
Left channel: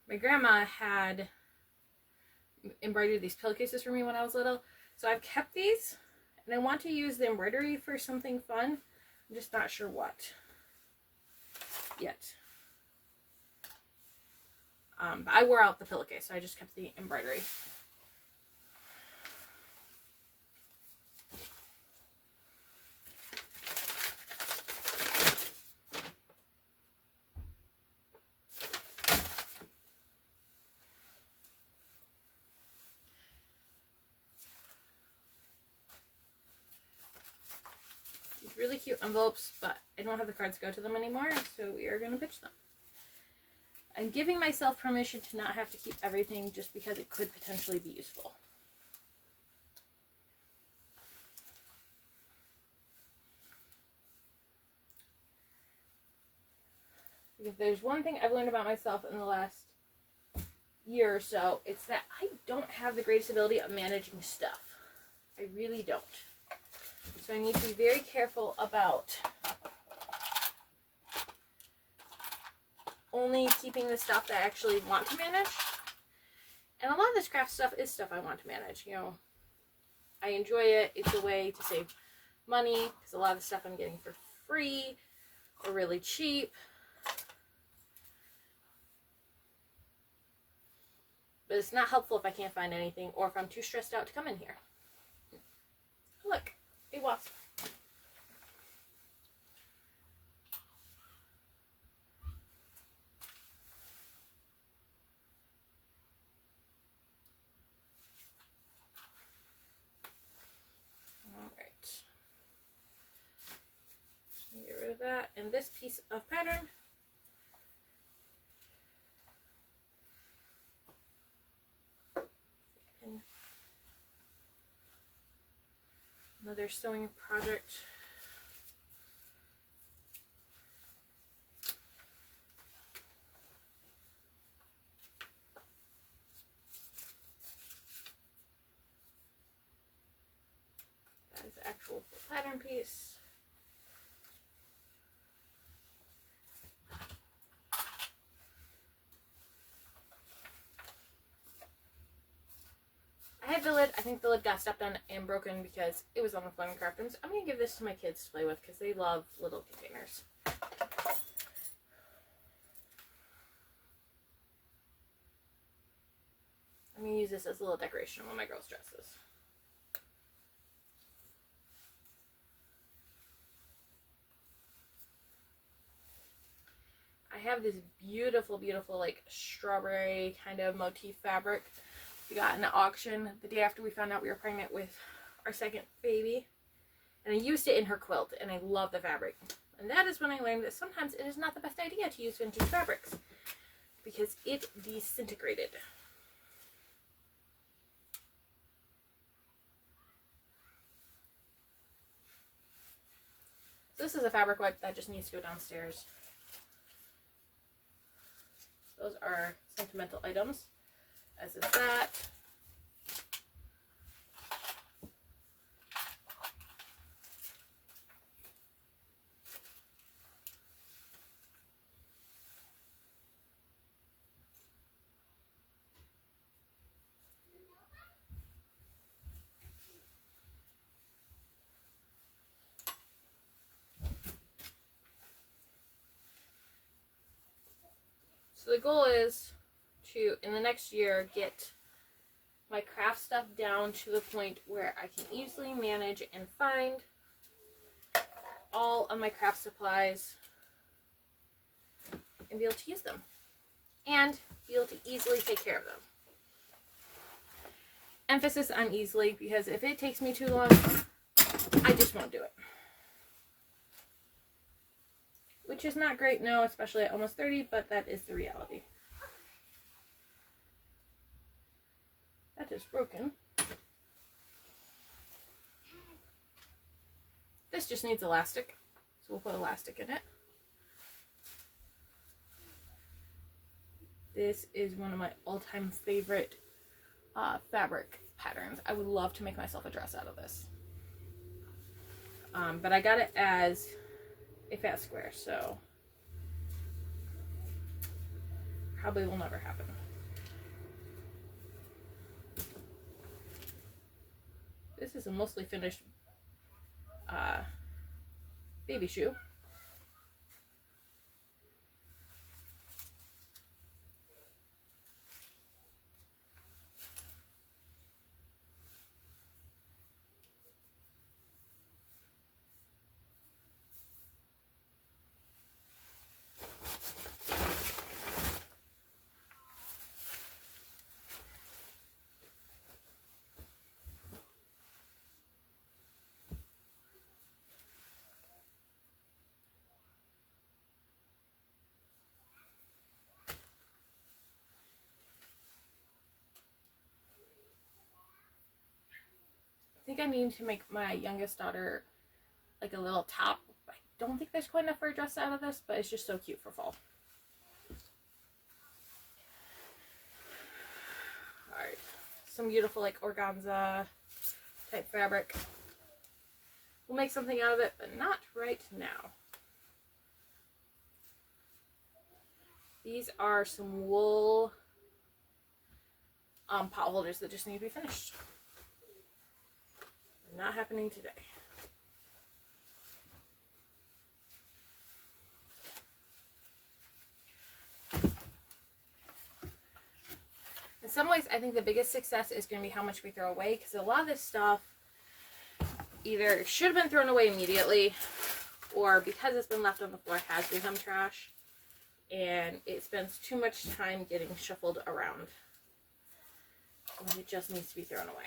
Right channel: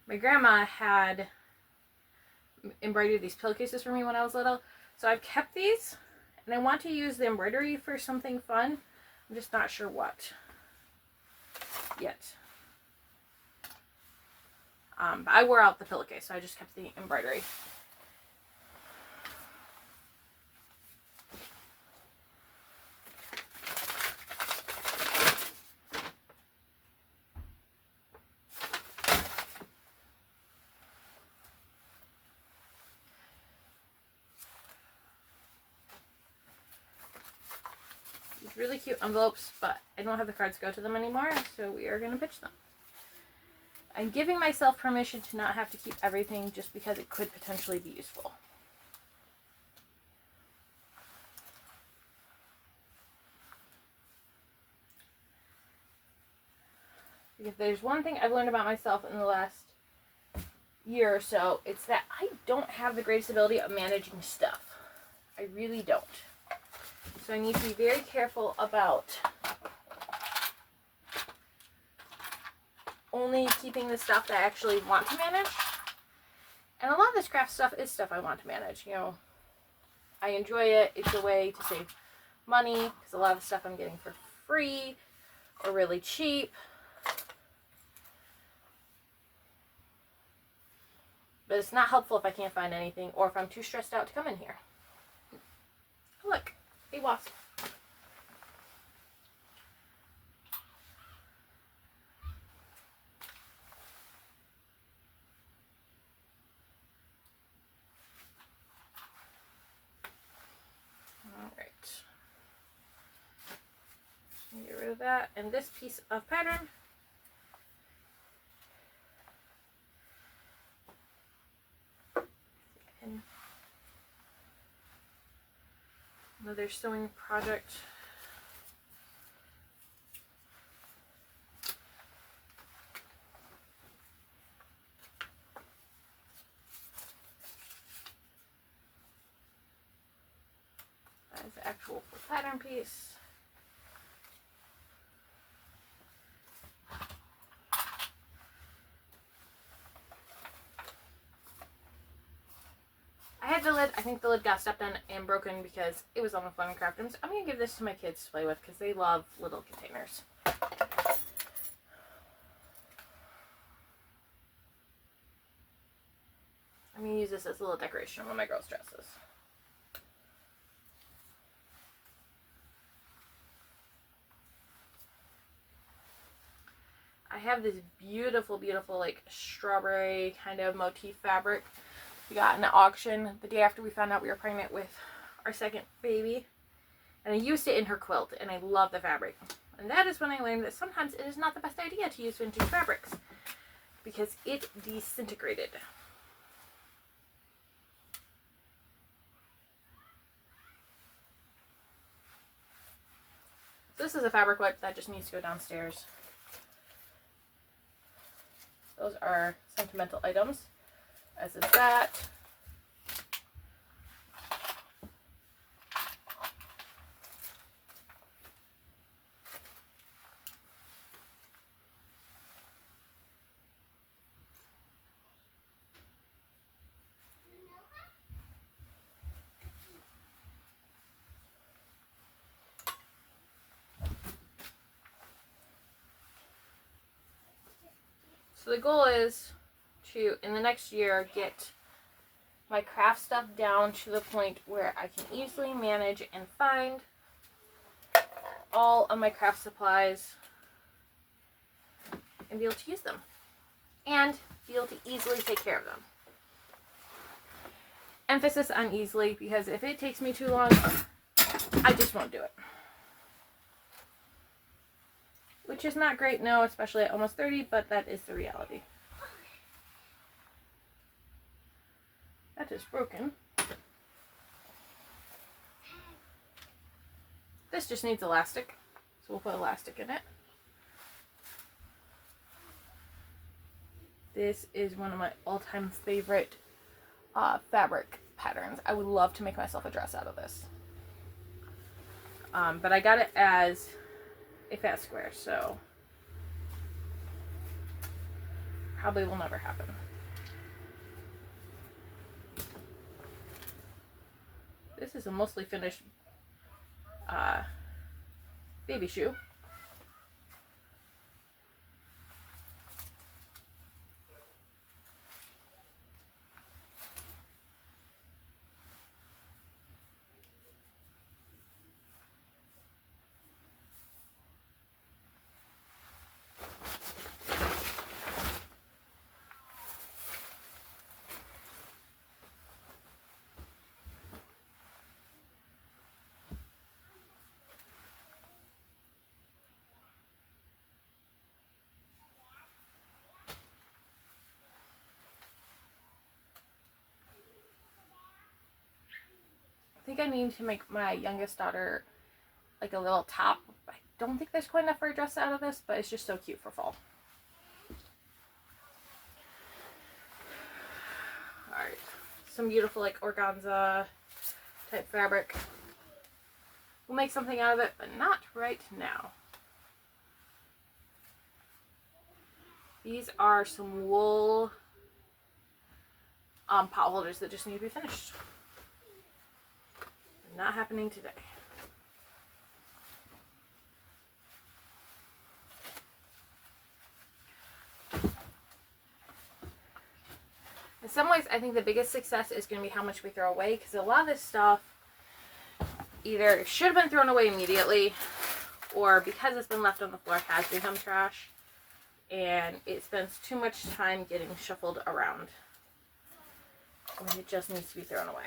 My grandma had embroidered these pillowcases for me when I was little, so I've kept these, and I want to use the embroidery for something fun. I'm just not sure what yet. But I wore out the pillowcase, so I just kept the embroidery. Really cute envelopes, but I don't have the cards to go to them anymore, so we are going to pitch them. I'm giving myself permission to not have to keep everything just because it could potentially be useful. Because there's one thing I've learned about myself in the last year or so, it's that I don't have the greatest ability of managing stuff. I really don't. So I need to be very careful about only keeping the stuff that I actually want to manage. And a lot of this craft stuff is stuff I want to manage. You know, I enjoy it. It's a way to save money because a lot of the stuff I'm getting for free or really cheap. But it's not helpful if I can't find anything or if I'm too stressed out to come in here. Look. A wasp. Alright. Get rid of that. And this piece of pattern. And another sewing project. That is the actual pattern piece. I had the lid. I think the lid got stepped on and broken because it was on the fun craft rooms. I'm going to give this to my kids to play with because they love little containers. I'm going to use this as a little decoration on one of my girls' dresses. I have this beautiful, beautiful, like, strawberry kind of motif fabric we got in the auction the day after we found out we were pregnant with our second baby. And I used it in her quilt, and I love the fabric. And that is when I learned that sometimes it is not the best idea to use vintage fabrics because it disintegrated. This is a fabric wipe that just needs to go downstairs. Those are sentimental items, as is that. So the goal is to, in the next year, get my craft stuff down to the point where I can easily manage and find all of my craft supplies and be able to use them. And be able to easily take care of them. Emphasis on easily, because if it takes me too long, I just won't do it. Which is not great, no, especially at almost 30, but that is the reality. That is broken. This just needs elastic, so we'll put elastic in it. This is one of my all-time favorite fabric patterns. I would love to make myself a dress out of this. But I got it as a fat square, so probably will never happen. This is a mostly finished baby shoe. I think I need to make my youngest daughter like a little top. I don't think there's quite enough for a dress out of this, but it's just so cute for fall. Alright, some beautiful like organza type fabric. We'll make something out of it, but not right now. These are some wool pot holders that just need to be finished. Not happening today. In some ways, I think the biggest success is going to be how much we throw away, because a lot of this stuff either should have been thrown away immediately, or because it's been left on the floor has become trash, and it spends too much time getting shuffled around, and it just needs to be thrown away.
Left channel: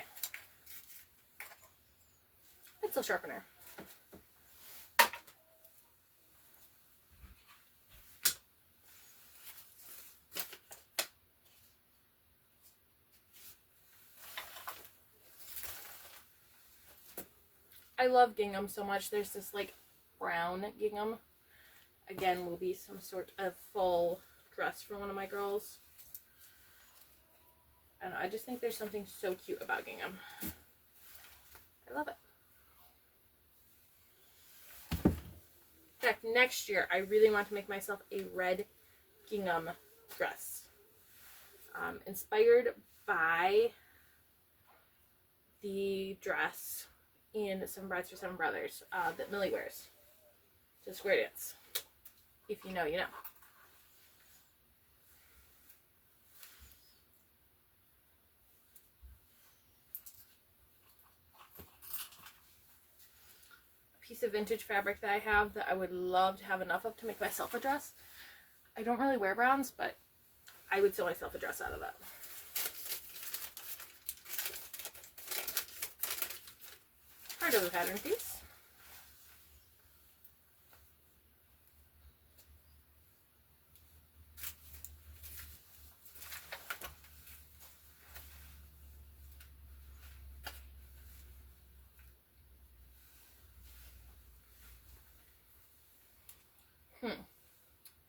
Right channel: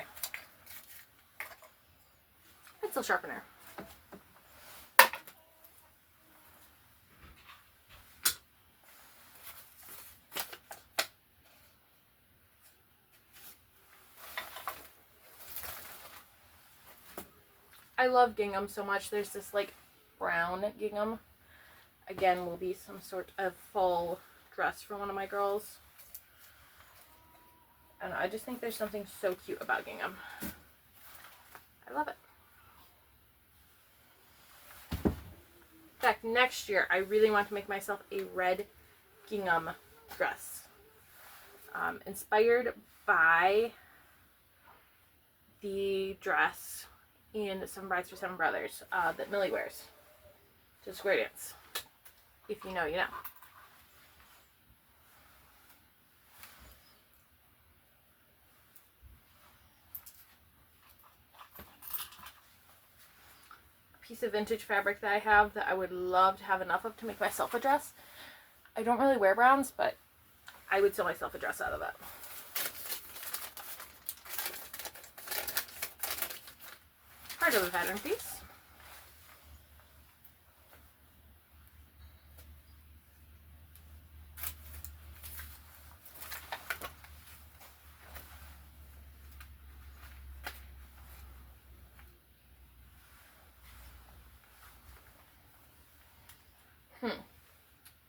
Pencil sharpener. I love gingham so much. There's this like brown gingham. Again, will be some sort of full dress for one of my girls. And I just think there's something so cute about gingham. I love it. In fact, next year, I really want to make myself a red gingham dress. Inspired by the dress in Some Brides for Seven Brothers that Millie wears to square dance. If you know, you know. Piece of vintage fabric that I have that I would love to have enough of to make myself a dress. I don't really wear browns, but I would sew myself a dress out of that. Part of a pattern piece.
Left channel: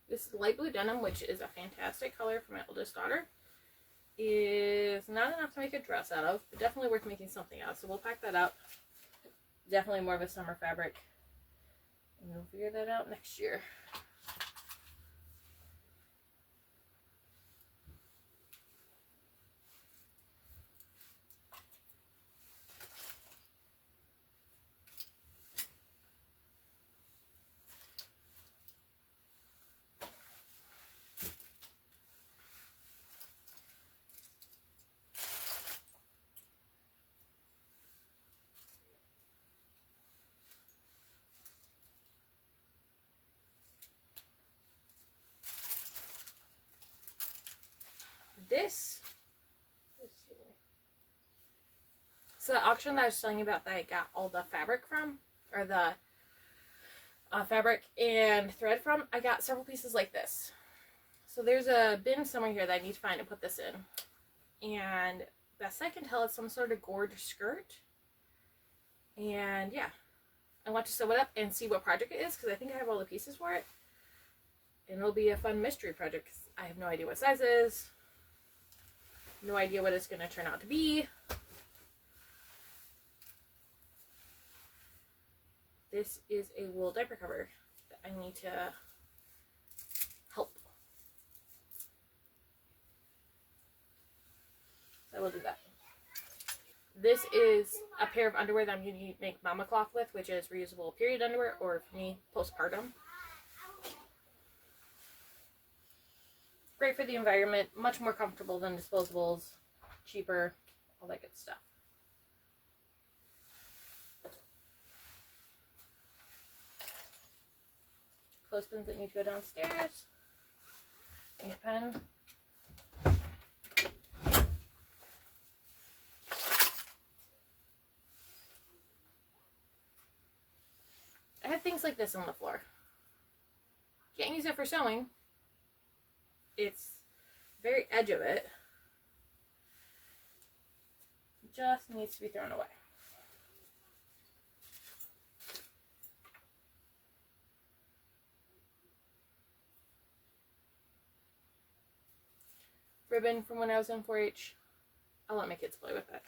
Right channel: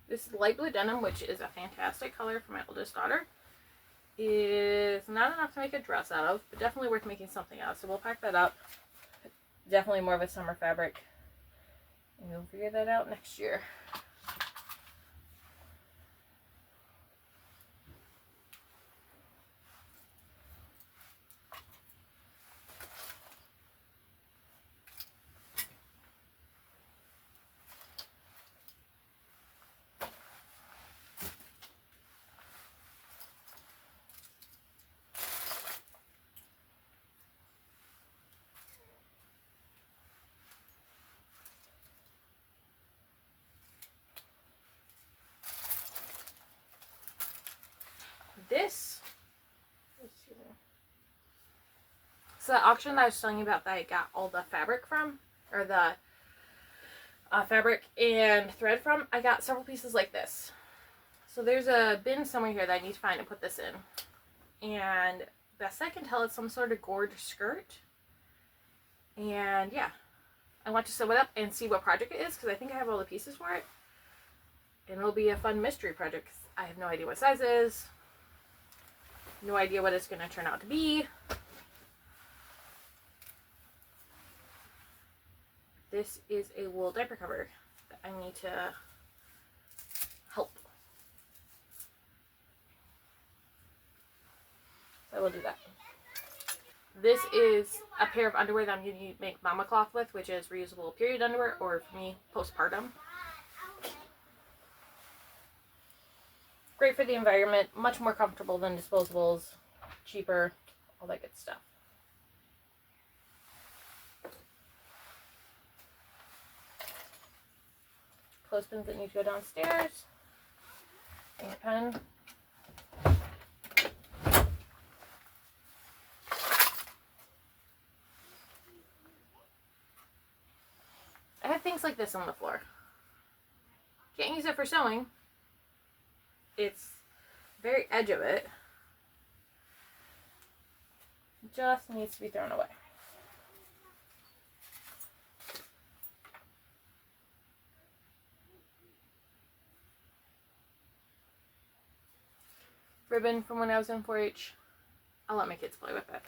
This light blue denim, which is a fantastic color for my oldest daughter, is not enough to make a dress out of, but definitely worth making something out. So we'll pack that up. Definitely more of a summer fabric. And we'll figure that out next year. This, so the auction that I was telling you about that I got all the fabric from, or the fabric and thread from, I got several pieces like this. So there's a bin somewhere here that I need to find and put this in. And best I can tell, it's some sort of gored skirt. And yeah, I want to sew it up and see what project it is, because I think I have all the pieces for it. And it'll be a fun mystery project. I have no idea what size it is. No idea what it's going to turn out to be. This is a wool diaper cover that I need to help. So I will do that. This is a pair of underwear that I'm going to make mama cloth with, which is reusable period underwear, or for me, postpartum. Great for the environment, much more comfortable than disposables, cheaper, all that good stuff. Clothespins that need to go downstairs. Ink pen. I have things like this on the floor. Can't use it for sewing. It's very edge of it. Just needs to be thrown away. Ribbon from when I was in 4-H. I'll let my kids play with it.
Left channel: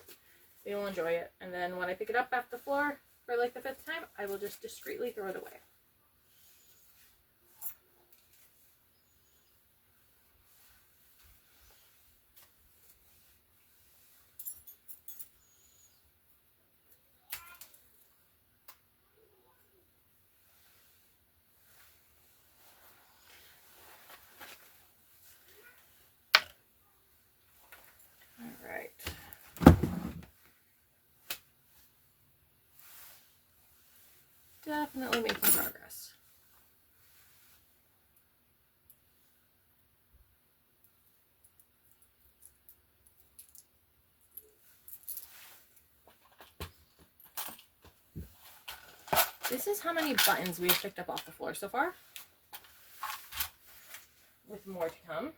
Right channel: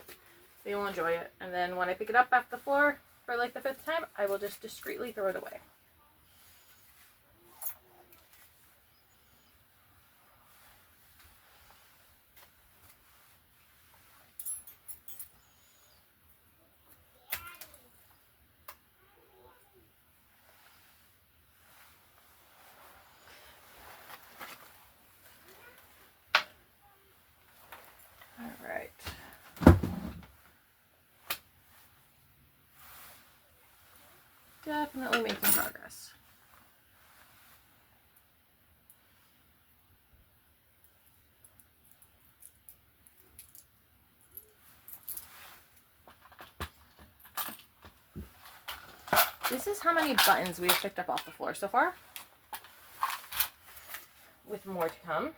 They will enjoy it. And then when I pick it up off the floor for like the 5th time, I will just discreetly throw it away. Definitely making progress. This is how many buttons we have picked up off the floor so far, with more to come.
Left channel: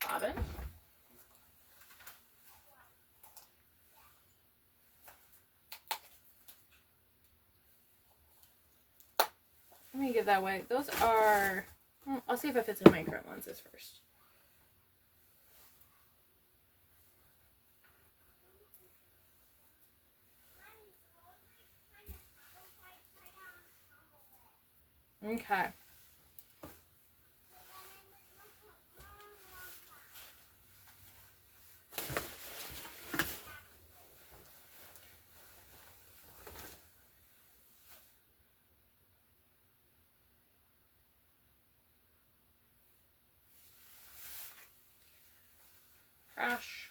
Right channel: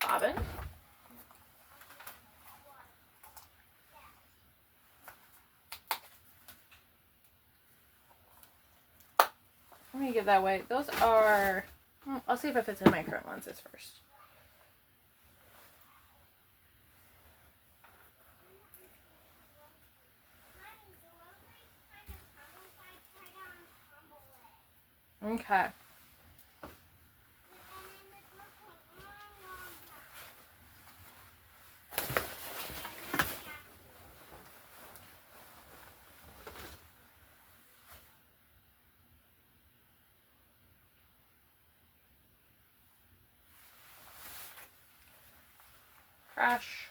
Bobbin. Let me get that way. Those are, I'll see if it fits in my current lenses first. Okay. Crash.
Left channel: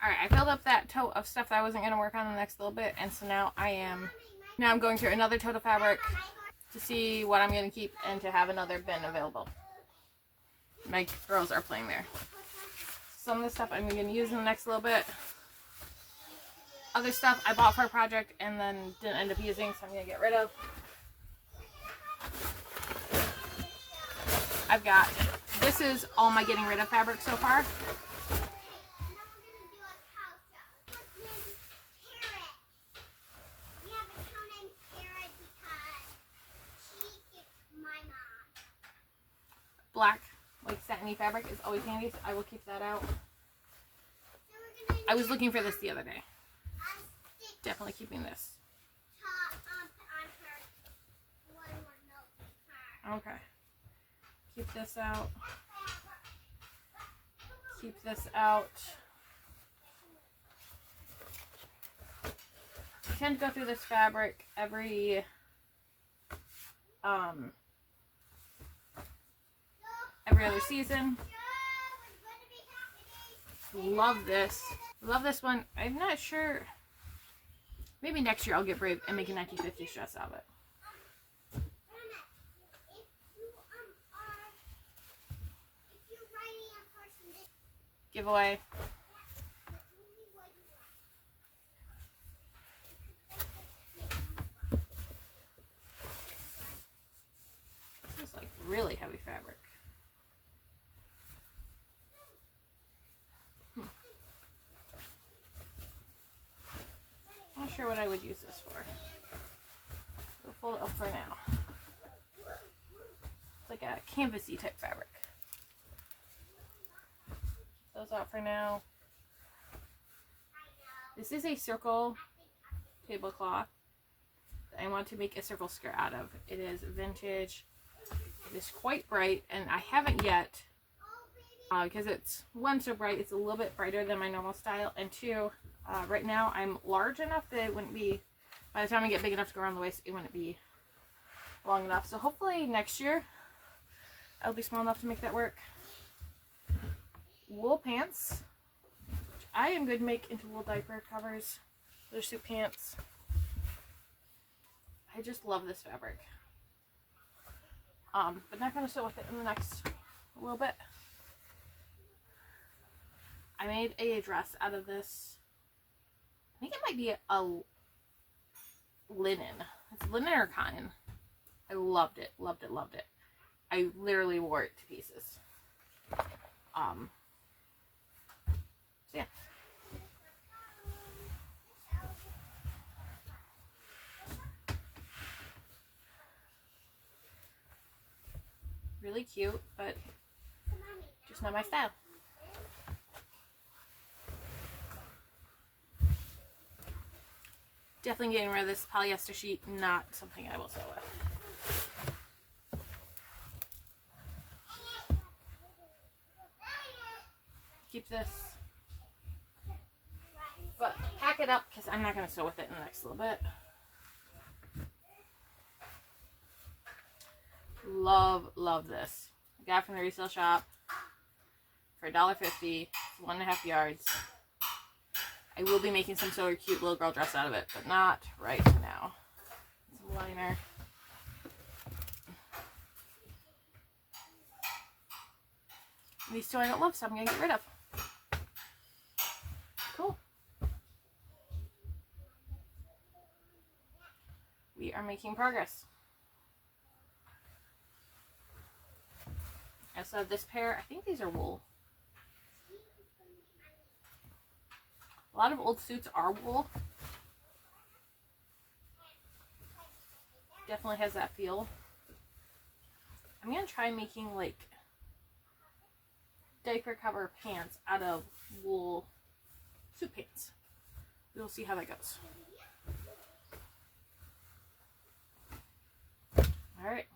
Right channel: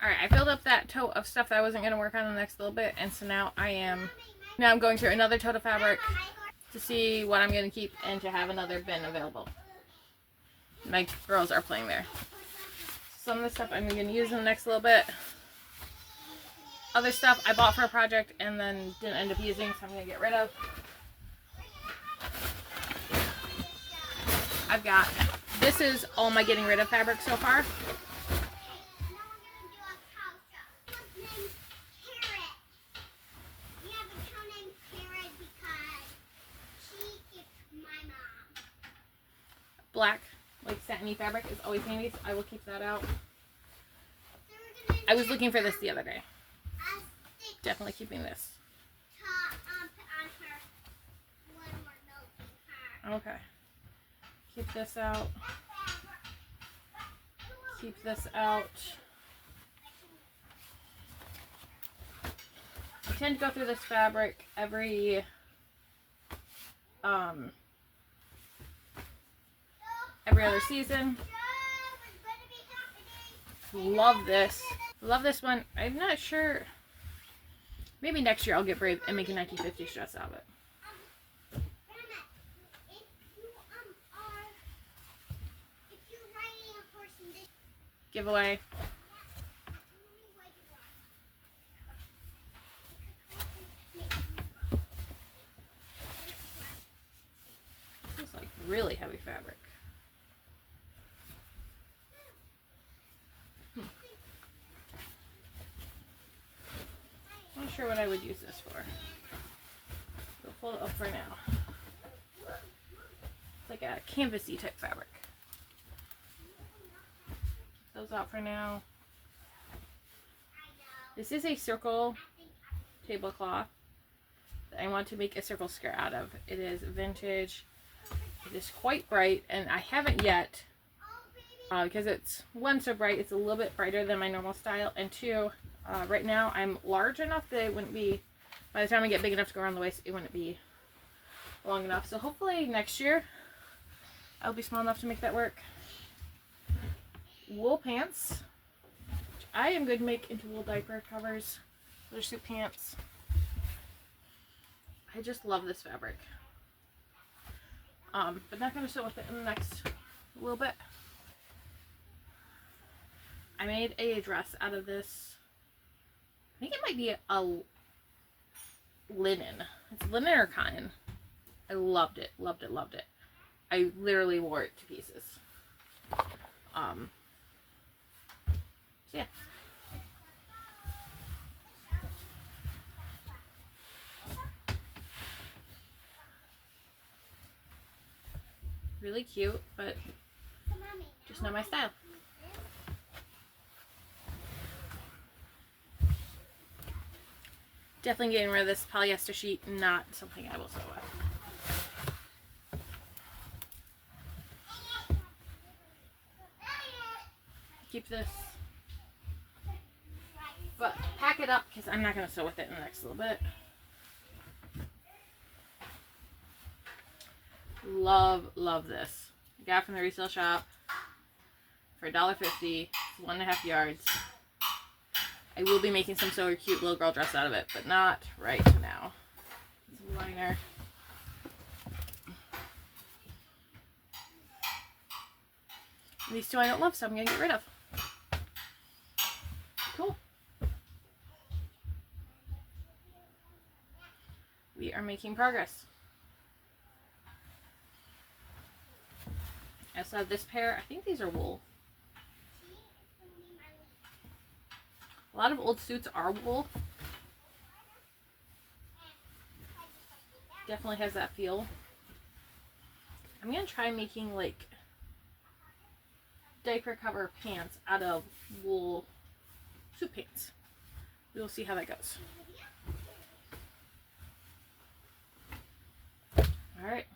Alright, I filled up that tote of stuff that I wasn't going to work on the next little bit, and so now I'm going through another tote of fabric to see what I'm going to keep and to have another bin available. My girls are playing there. Some of the stuff I'm going to use in the next little bit. Other stuff I bought for a project and then didn't end up using, so I'm going to get rid of. This is all my getting rid of fabric so far. Black, like satiny fabric is always handy, so I will keep that out. I was looking for this the other day. Definitely keeping this. Okay. Keep this out. Keep this out. I tend to go through this fabric every other season. Love this. Love this one. I'm not sure. Maybe next year I'll get brave and make a 1950s dress out of it. giveaway. This is like really heavy fabric. Not sure what I would use this for. We'll fold it up for now. It's like a canvasy type fabric. Keep those out for now. This is a circle tablecloth that I want to make a circle skirt out of. It is vintage. It is quite bright, and I haven't yet, because it's, one, so bright, it's a little bit brighter than my normal style, and two, right now I'm large enough that it wouldn't be, by the time I get big enough to go around the waist, it wouldn't be long enough. So hopefully next year I'll be small enough to make that work. Wool pants, which I am going to make into wool diaper covers. They're suit pants. I just love this fabric. But not going to sew with it in the next little bit. I made a dress out of this. I think it might be a linen. It's linen or cotton. I loved it, loved it, loved it. I literally wore it to pieces. So yeah. Really cute, but just not my style. Definitely getting rid of this polyester sheet, not something I will sew with. Keep this, but pack it up because I'm not going to sew with it in the next little bit. Love, love this. I got it from the resale shop for $1.50. It's 1.5 yards. I will be making some sort of cute little girl dress out of it, but not right now. Some liner. These two I don't love, so I'm going to get rid of. Cool. We are making progress. I also have this pair. I think these are wool. A lot of old suits are wool. Definitely has that feel. I'm going to try making like diaper cover pants out of wool suit pants. We will see how that goes. Alright.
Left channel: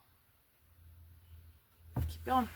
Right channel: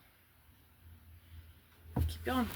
Keep going.